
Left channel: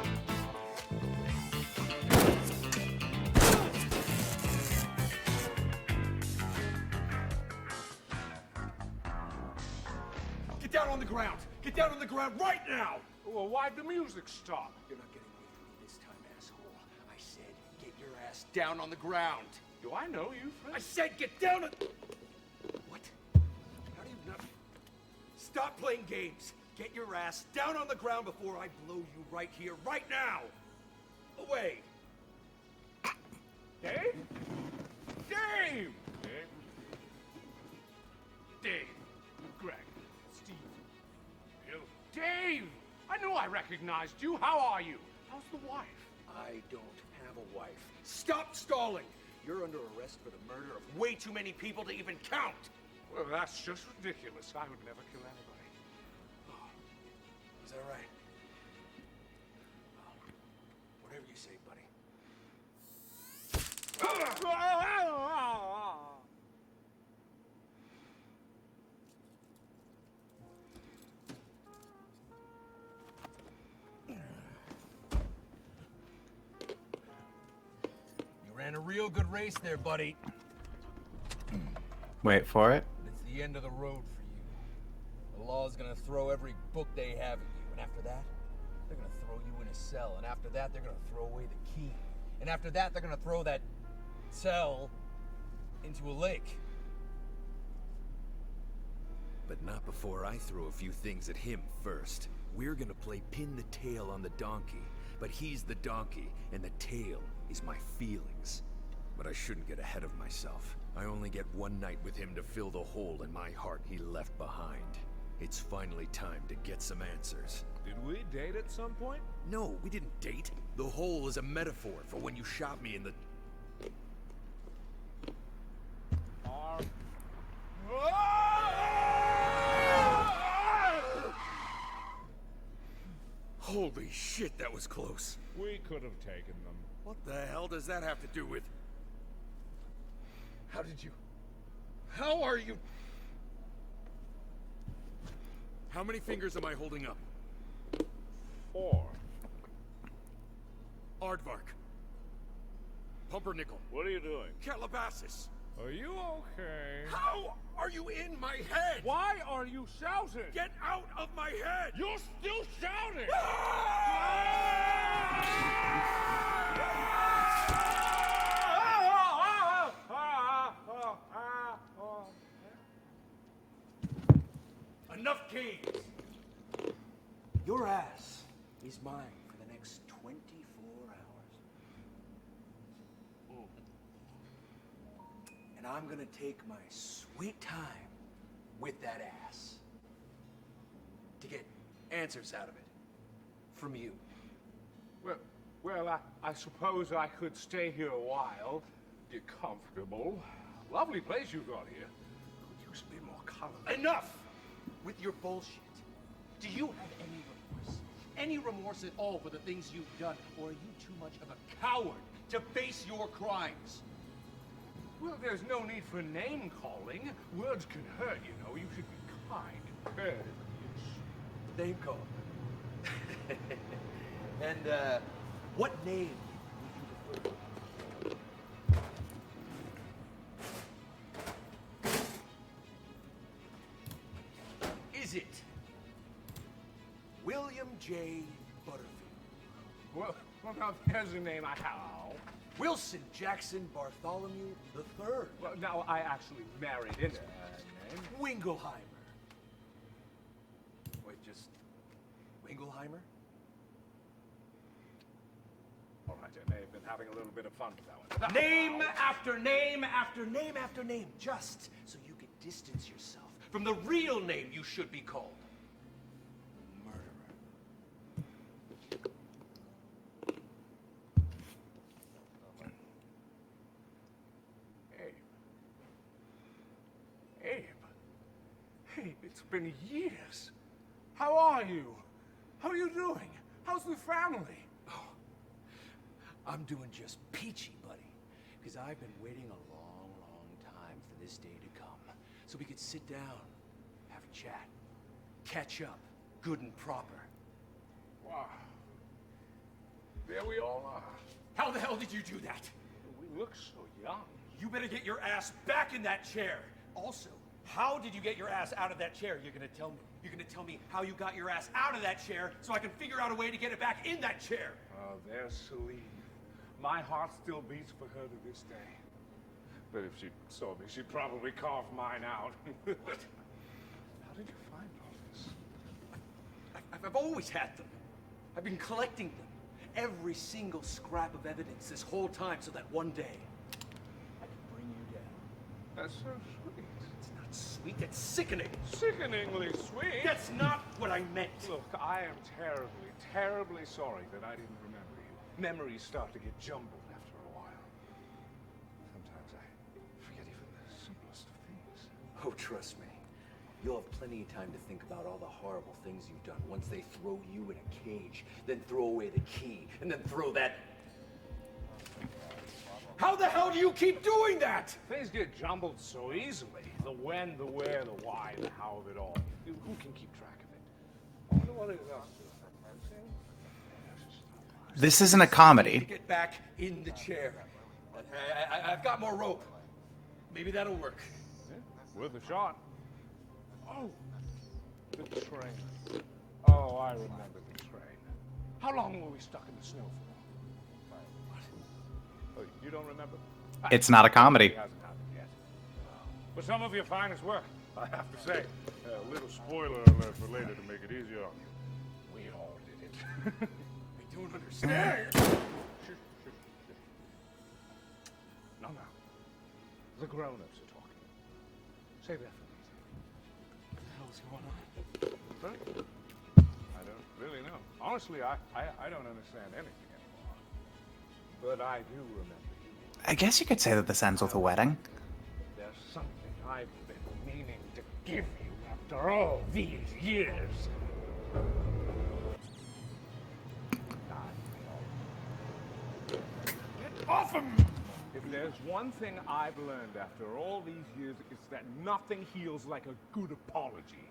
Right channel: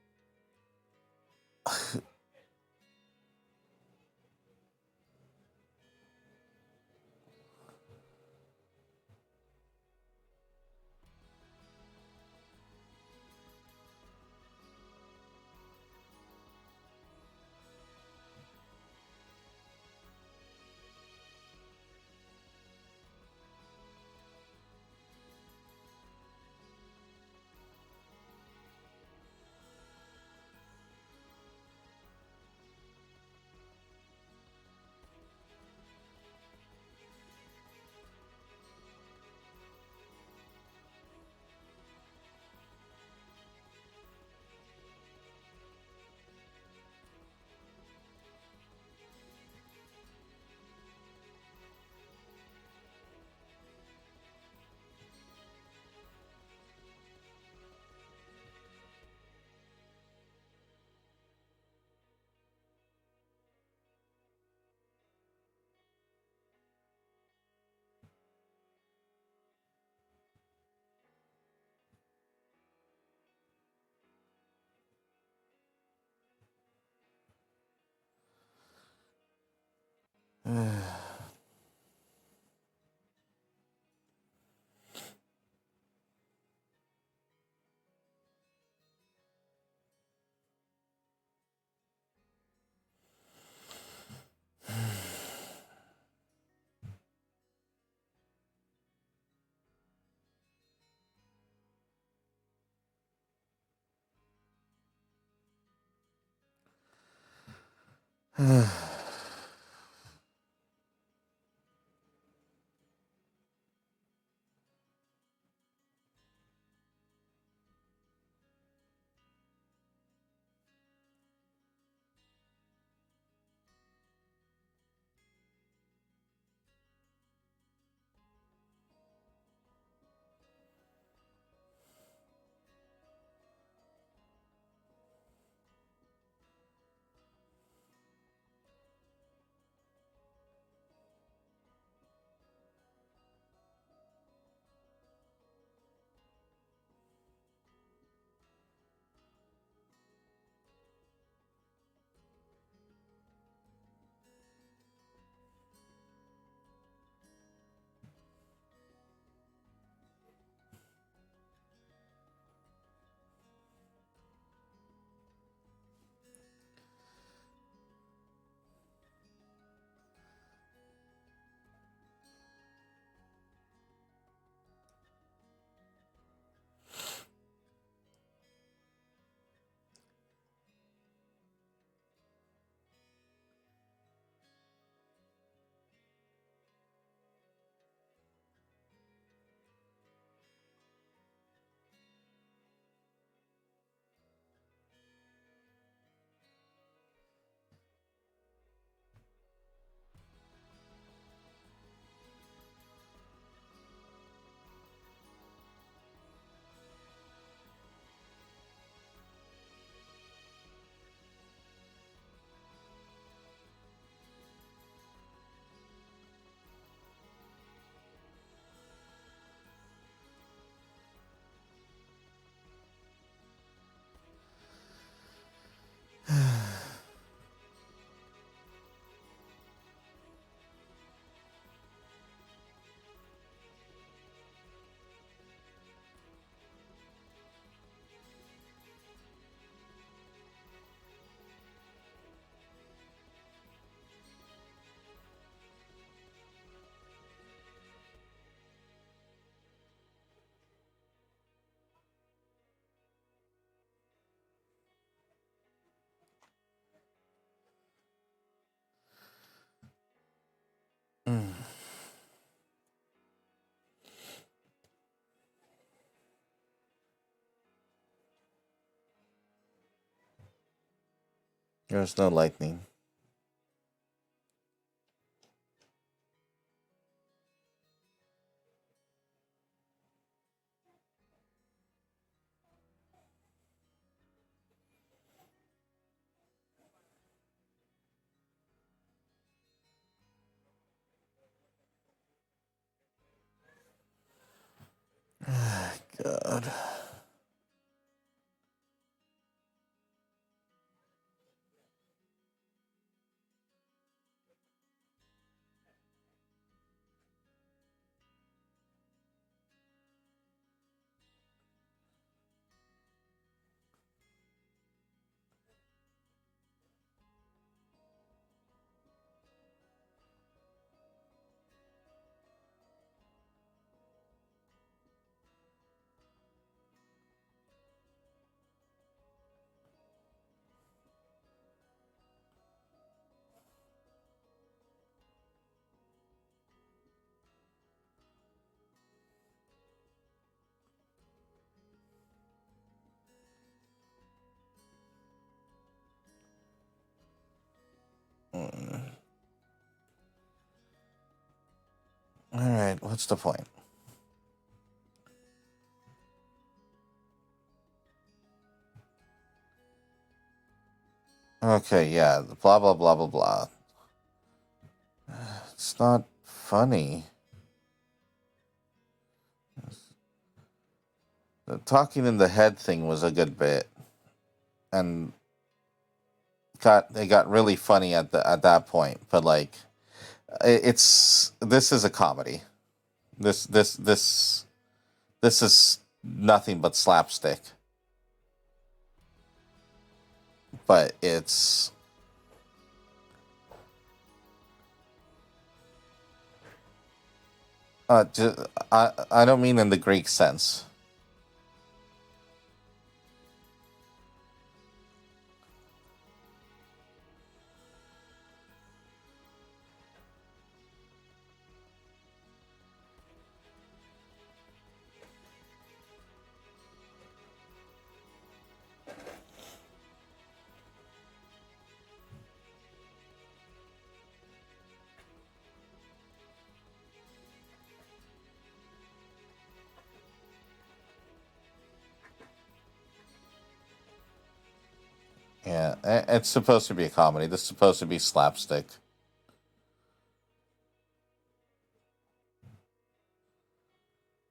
Get down on the ground. Get down on the ground right now. Well, why'd the music stop? You're not getting away from me this time, asshole. I said, get your ass down on the ground. Do I know you, friend? I said, get down on... What? How do you not... Stop playing games. Get your ass down on the ground before I blow you right here, right now. Away. Dave? Dave! Dave? Dave. Greg. Steve. Bill. Dave! I knew I recognized you. How are you? How's the wife? I don't have a wife. Stop stalling! You're under arrest for the murder of way too many people to even count! Well, that's just ridiculous. I would never kill anybody. Oh, is that right? Whatever you say, buddy. You ran a real good race there, buddy. Wait for it. It's the end of the road for you. The law's gonna throw every book they have at you, and after that, they're gonna throw you in a cell, and after that, they're gonna throw away the key. And after that, they're gonna throw that cell into a lake. But not before I throw a few things at him first. We're gonna play pin the tail on the donkey, but he's the donkey, and the tail is my feelings. But I shouldn't get ahead of myself. I only get one night with him to fill the hole in my heart he left behind. It's finally time to get some answers. Did we date at some point? No, we didn't date. The hole is a metaphor for when you shot me in the... Holy shit, that was close. We could have taken them. What the hell does that have to do with... How did you... How are you... How many fingers am I holding up? 4. Aardvark. Pumpernickel. What are you doing? Calabasas. Are you okay? How are you in my head? Why are you shouting? Get out of my head! You're still shouting! Enough games! Your ass is mine for the next 24 hours. And I'm gonna take my sweet time with that ass to get answers out of it from you. Well, I suppose I could stay here a while. Get comfortable. Lovely place you got here. Could use a bit more color. Enough with your bullshit. Do you have any remorse? Any remorse at all for the things you've done? Or are you too much of a coward to face your crimes? Well, there's no need for name calling. Words can hurt, you know. You should be kind and courteous. Name call. And, what name? Is it William J. Butterfield? Well, now there's a name I have. Wilson Jackson Bartholomew III? Well, now I actually married into that name. Wingleheimer. Wait, just Wingleheimer? All right, I may have been having a little bit of fun with that one. Name after name after name after name, just so you can distance yourself from the real name you should be called. Murderer. There's no lightning. Abe, it's been years. How are you? How are you doing? How's the family? Oh, I'm doing just peachy, buddy. Because I've been waiting a long, long time for this day to come. So we could sit down, have a chat, catch up, do it proper. Wow. There we all are. How the hell did you do that? We look so young. You better get your ass back in that chair. Also, how did you get your ass out of that chair? You're gonna tell me. You're gonna tell me how you got your ass out of that chair so I can figure out a way to get it back in that chair. Oh, there's Celine. My heart still beats for her to this day. But if she saw me, she'd probably carve mine out. What? How did you find all this? I've always had them. I've been collecting them. Every single scrap of evidence this whole time so that one day That's so sweet. It's not sweet, that's sickening. Sickeningly sweet. That's not what I meant. Look, I am terribly, terribly sorry that I didn't remember you. Memories start to get jumbled after a while. Sometimes I forget even the simplest of things. All right, what's the point? You'll have plenty of time to think about all the horrible things you've done once they throw you in a cage, then throw away the key, and then throw that... Okay, yeah, blah blah blah blah How blah. the hell do you keep doing that? Things get It's jumbled not so easy. funny. The when, the where, the why, the how of it all. Who can keep track of it? The talking in the head thing was a good bit, and This isn't a comedy. Get back into it the got chair. really funny at that point. I've got But one like, rope. this is a comedy. Shot. This is nothing but slapstick. How long were we stuck in the snow for? But it's Oh, you don't remember? It's not a comedy. It hasn't happened yet. But some of your finest work. I don't mean in the Greek sense. Later to make it easier on you. We all did it. I don't understand. No, no. The grown-ups are talking. Save that for later. What the hell's going on? Huh? I don't really know. Honestly, I don't understand anything anymore. But I do remember you. I guess you could say that this ends with a wedding. There's something I've been meaning to give you after all these years. Yeah, it's supposed to be a comedy. This is supposed to be slapstick. There's one thing I've learned after all these years, is that nothing heals like a good apology.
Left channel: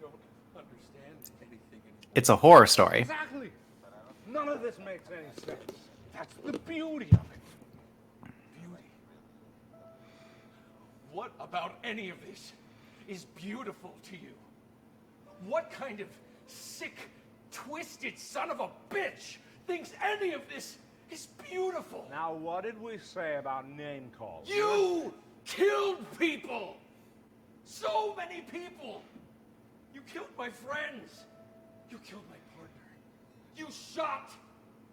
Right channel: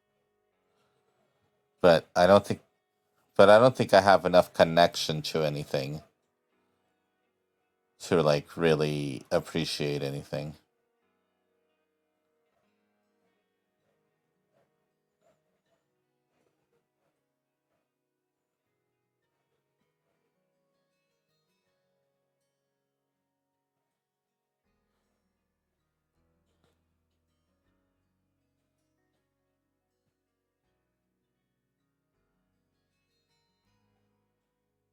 I don't understand anything. But It's a horror story. But I don't think I have enough connection to anything That's the beauty of it. to like really appreciate anything. What about any of this is beautiful to you? What kind of sick, twisted son of a bitch thinks any of this is beautiful? Now, what did we say about name calls? You killed people! So many people! You killed my friends! You killed my partner! You shot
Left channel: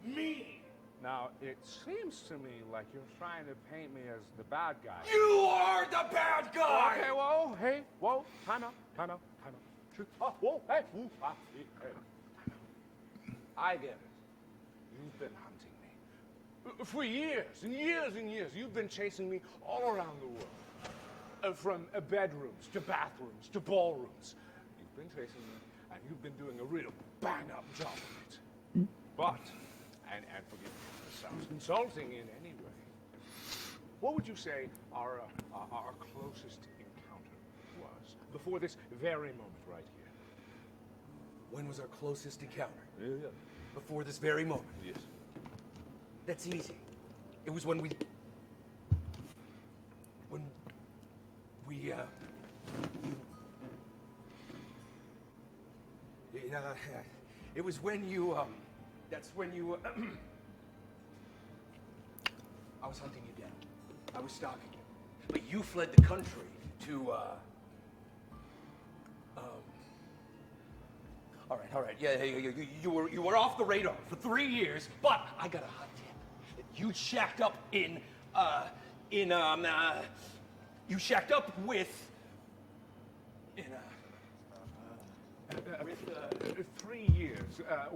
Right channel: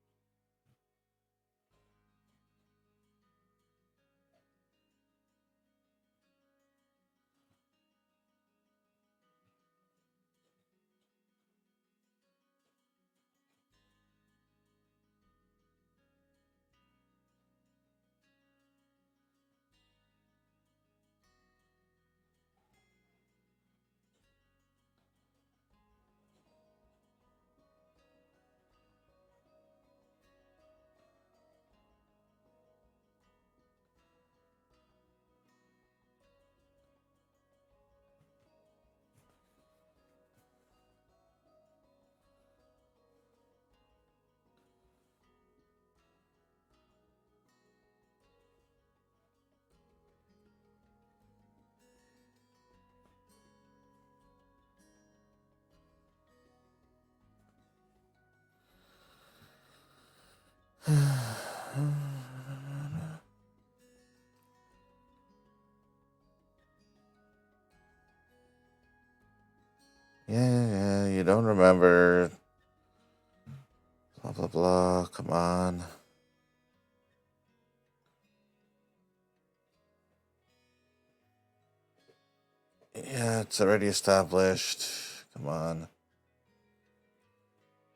me! Now, it seems to me like you're trying to paint me as the bad guy. You are the bad guy! Okay, whoa, hey, whoa, time out, time out, time out. Whoa, hey, ooh, hey. I get it. You've been hunting me. For years and years and years, you've been chasing me all around the world. From bedrooms to bathrooms to ballrooms. You've been chasing me, and you've been doing a real bang-up job of it. But, and forgive me if this sounds insulting in any way, what would you say our closest encounter was? Before this very moment right here. When was our closest encounter? Yeah. Before this very moment. Yes. That's easy. It was when we, it was when you, that's when you, I was hunting you down. I was stalking you. But you fled the country to, Yeah, you don't remember. you were off the radar for 3 years. Blah, But come on. you shacked up you shacked up with Yeah, it's already established. Come on. 3 years.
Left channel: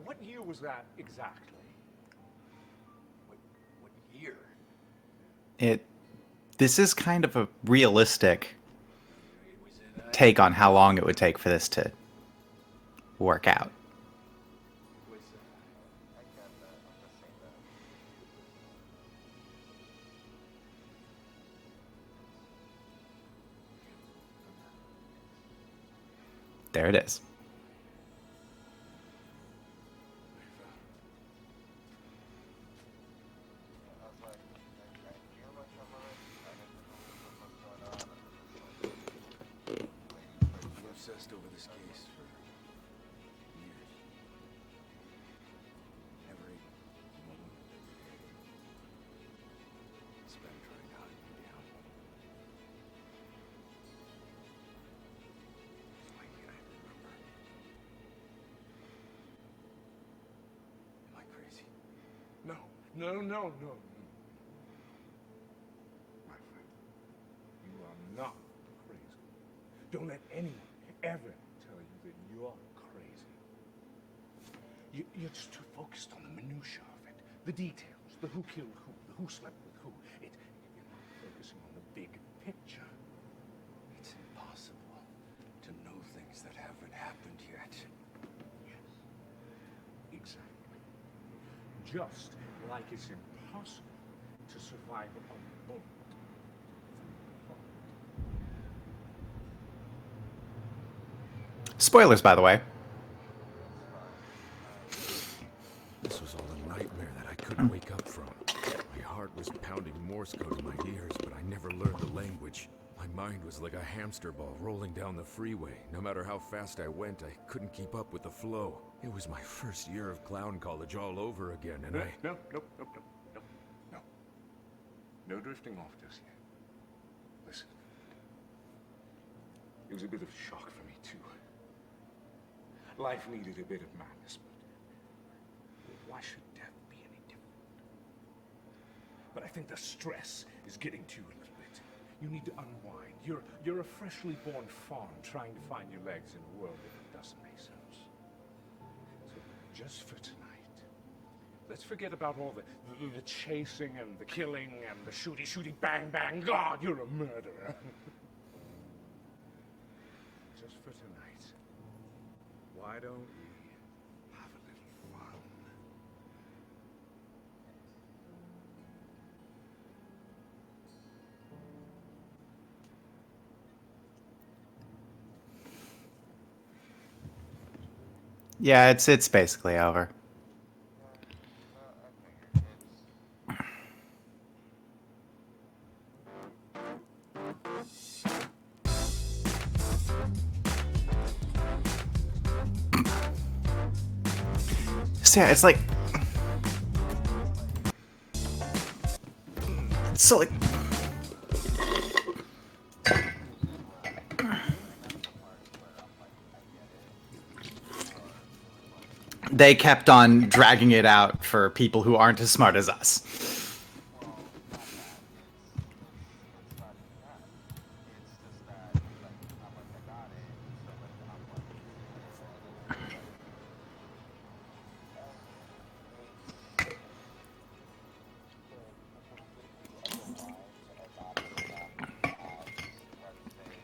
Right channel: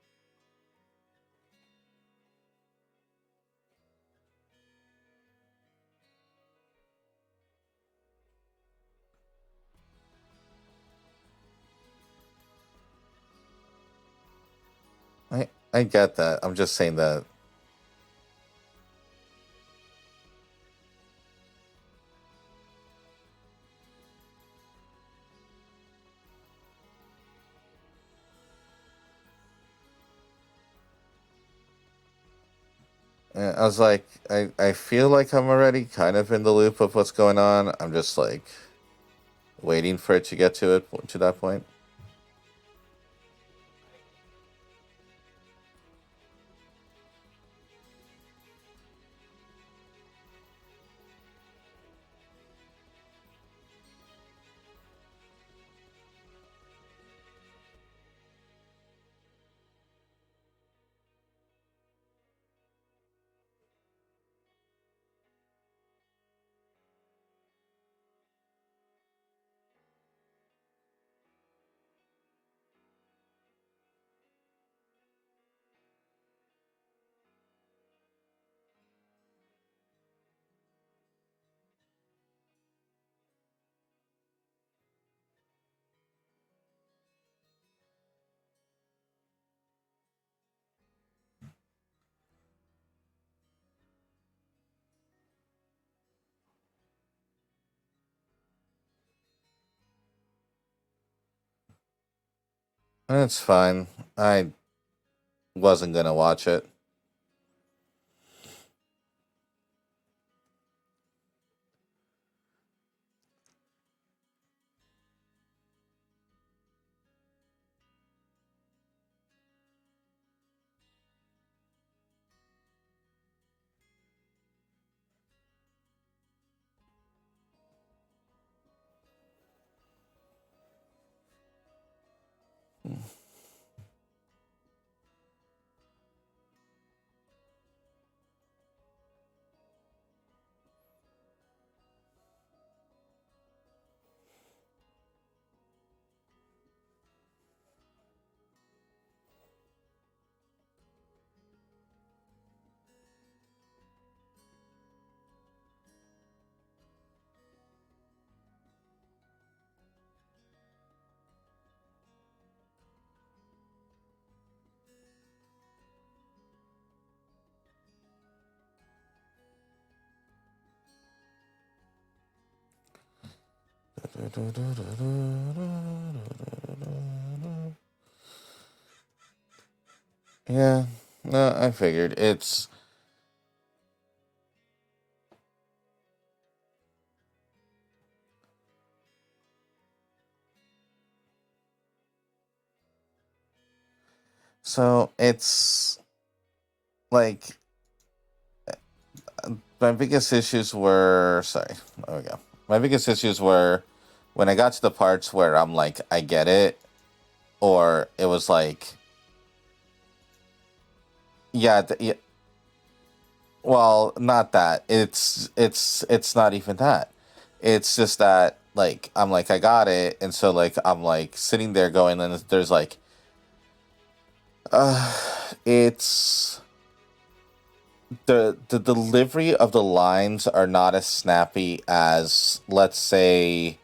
What year was that exactly? what year? This is kind of a realistic take on how long it would take for this to work out. I get that. I'm just saying that. There it is. I was like, I feel like I'm already kind of in the loop of what's going on. I'm just like waiting for it to get to that point. No. My friend. Don't let anyone ever tell you that you're crazy. You're just too focused on the minutiae of it, the details, the who killed who, the who slept with who. You're not focusing on the big picture. It's impossible to know things that haven't happened yet. Yes, exactly. Just like it's impossible to survive a bullet. Spoilers, by the way. That's fine. I wasn't gonna watch it. Nightmare that I couldn't wake up from. My heart was pounding Morse code in my ears, but I never learned the language. My mind was like a hamster ball rolling down the freeway. No matter how fast I went, I couldn't keep up with the flow. It was my first year of clown college all over again, and No. No drifting off just yet. Listen. It was a bit of a shock for me, too. Life needed a bit of madness, but why should death be any different? But I think the stress is getting to you a little bit. You need to unwind. You're a freshly born fawn trying to find your legs in a world that doesn't make sense. So just for tonight, let's forget about all the chasing and the killing and the shooty, bang, bang. God, you're a murderer. Just for tonight, why don't we have a little fun? Yeah, it's basically over. Yeah, no, I figured it's. So it's, Yeah, it's like my biggest So, like- issues were sorry. There we go. My biggest issues were when I got to the parts where I'm like, I get it, or it was like, they kept on dragging it out for Yeah, people who aren't as smart as us. well, not that. It's not even that. It's just that like I'm like I got it, and so like I'm like sitting there going, and there's like, it's the delivery of the lines are not as snappy as, let's say,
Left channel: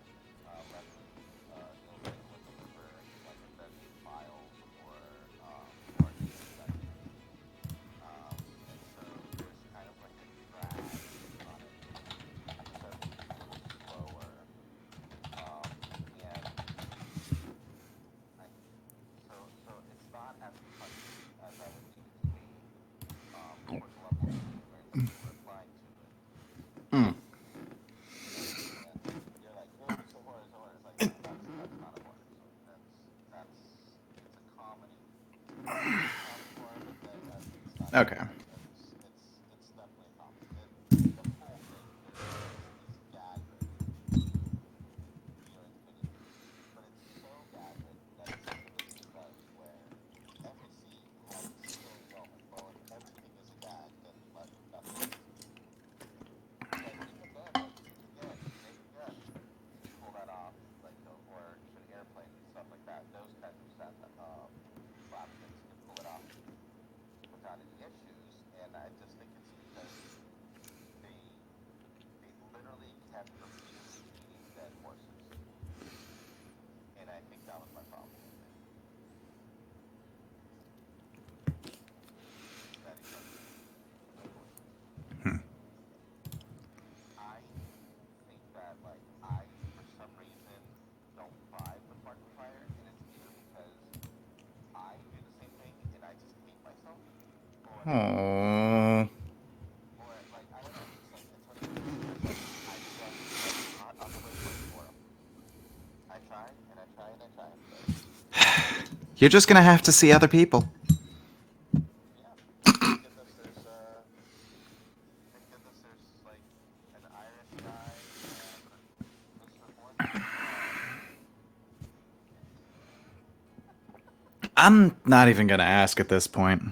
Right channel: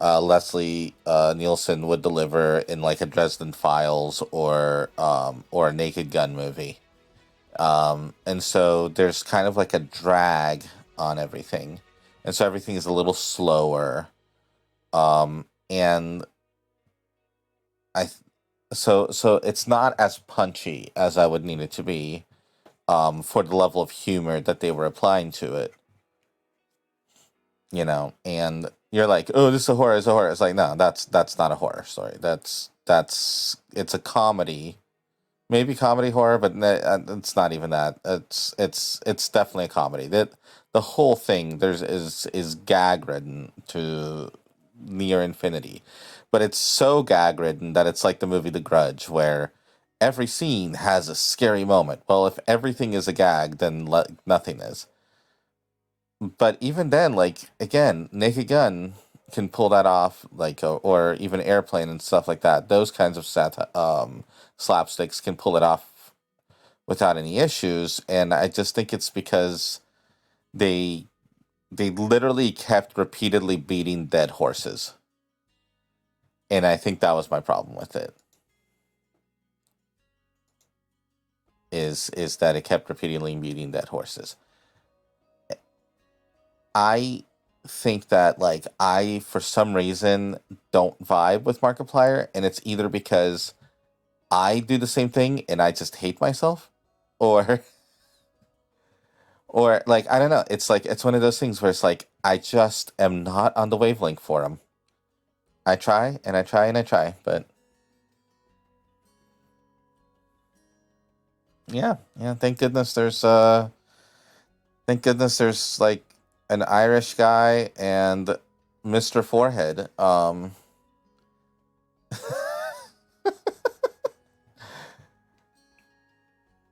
Leslie Nielsen would deliver in like a Dresden Files or a Naked Gun movie. And so there's kind of like a drag on everything, and so everything is a little slower. And so it's not as punchy as I would need it to be, for the level of humor that they were applying to it. You know, and you're like, oh, this is a horror, it's a horror. It's like, no, that's not a horror story. It's a comedy, maybe comedy horror, but it's not even that. Okay. It's definitely a comedy. The whole thing is gag ridden to near infinity, but it's so gag ridden that it's like the movie The Grudge, where every scene has a scary moment. Well, if everything is a gag, then nothing is. But even then, like, again, Naked Gun can pull that off, like, or even Airplane and stuff like that. Those kinds of slapsticks can pull it off without any issues. And I just think it's because they literally kept repeatedly beating dead horses. And I think that was my problem with it. Is that it kept repeatedly beating dead horses. I think that, like, I, for some reason, don't vibe with Markiplier, and it's either because I do the same thing and I just hate myself, or like, I don't know. It's like, it's one of those things where it's like, I just am not on the wavelength for him. I try, and I try, and I try, but You're just gonna have to see other people. yeah, thank goodness there's like an Irish guy and Mr. Forehead. I'm not even gonna ask at this point.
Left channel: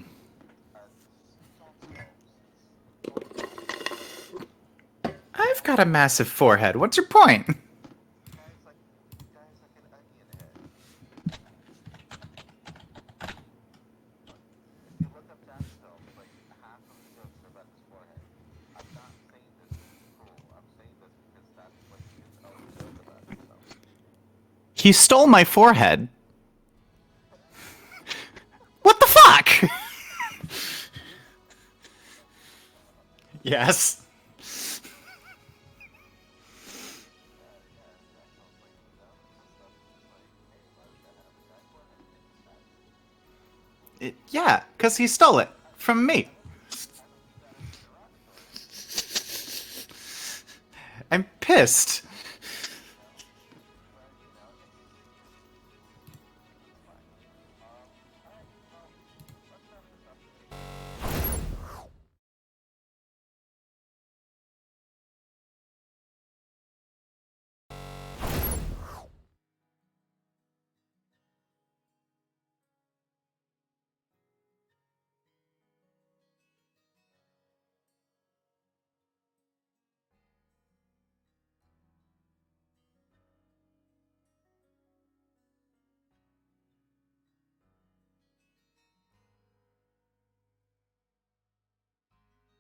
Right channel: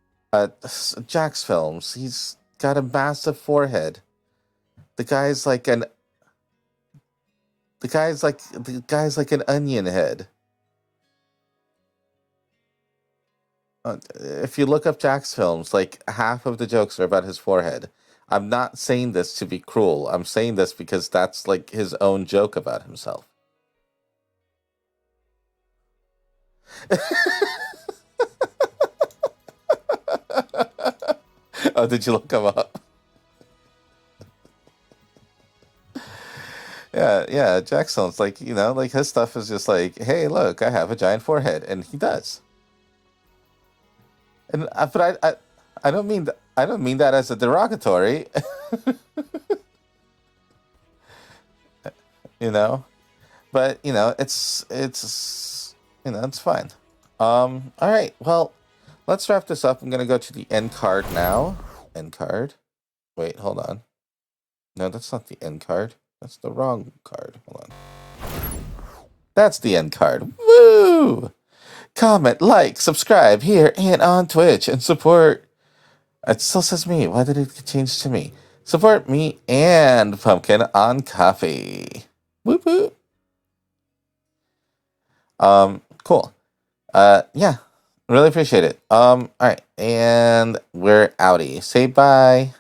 Jack's films. He's got a massive forehead. The guy's I've like got a massive forehead. What's your point? The guy's like an onion head. If you look up Jack's films, like half of the jokes are about his forehead. I'm not saying this to be cruel. I'm saying this because that's like his own joke about himself. He stole my forehead. What the fuck? Oh, did you look him up? Yes. Yeah. Jackson's like, like his stuff is just like, hey, look, I have a giant forehead, and he does. Yeah, And, because but he stole it I from don't me. mean I don't mean that as a derogatory. I'm pissed. But it's it's fine. All right, well, let's wrap this up. I'm gonna go to the end card now. End card. Wait, hold on. No, that's not the end card. That's the wrong card. Hold on. That's the end card. Woo! Comment, like, subscribe here and on Twitch, and support. It still says me. Why did it change to me? Support me and Pumpkin on Coffee. Whoop whoop. Cool. Yeah, really appreciate it. All right, and we're outie. Say bye.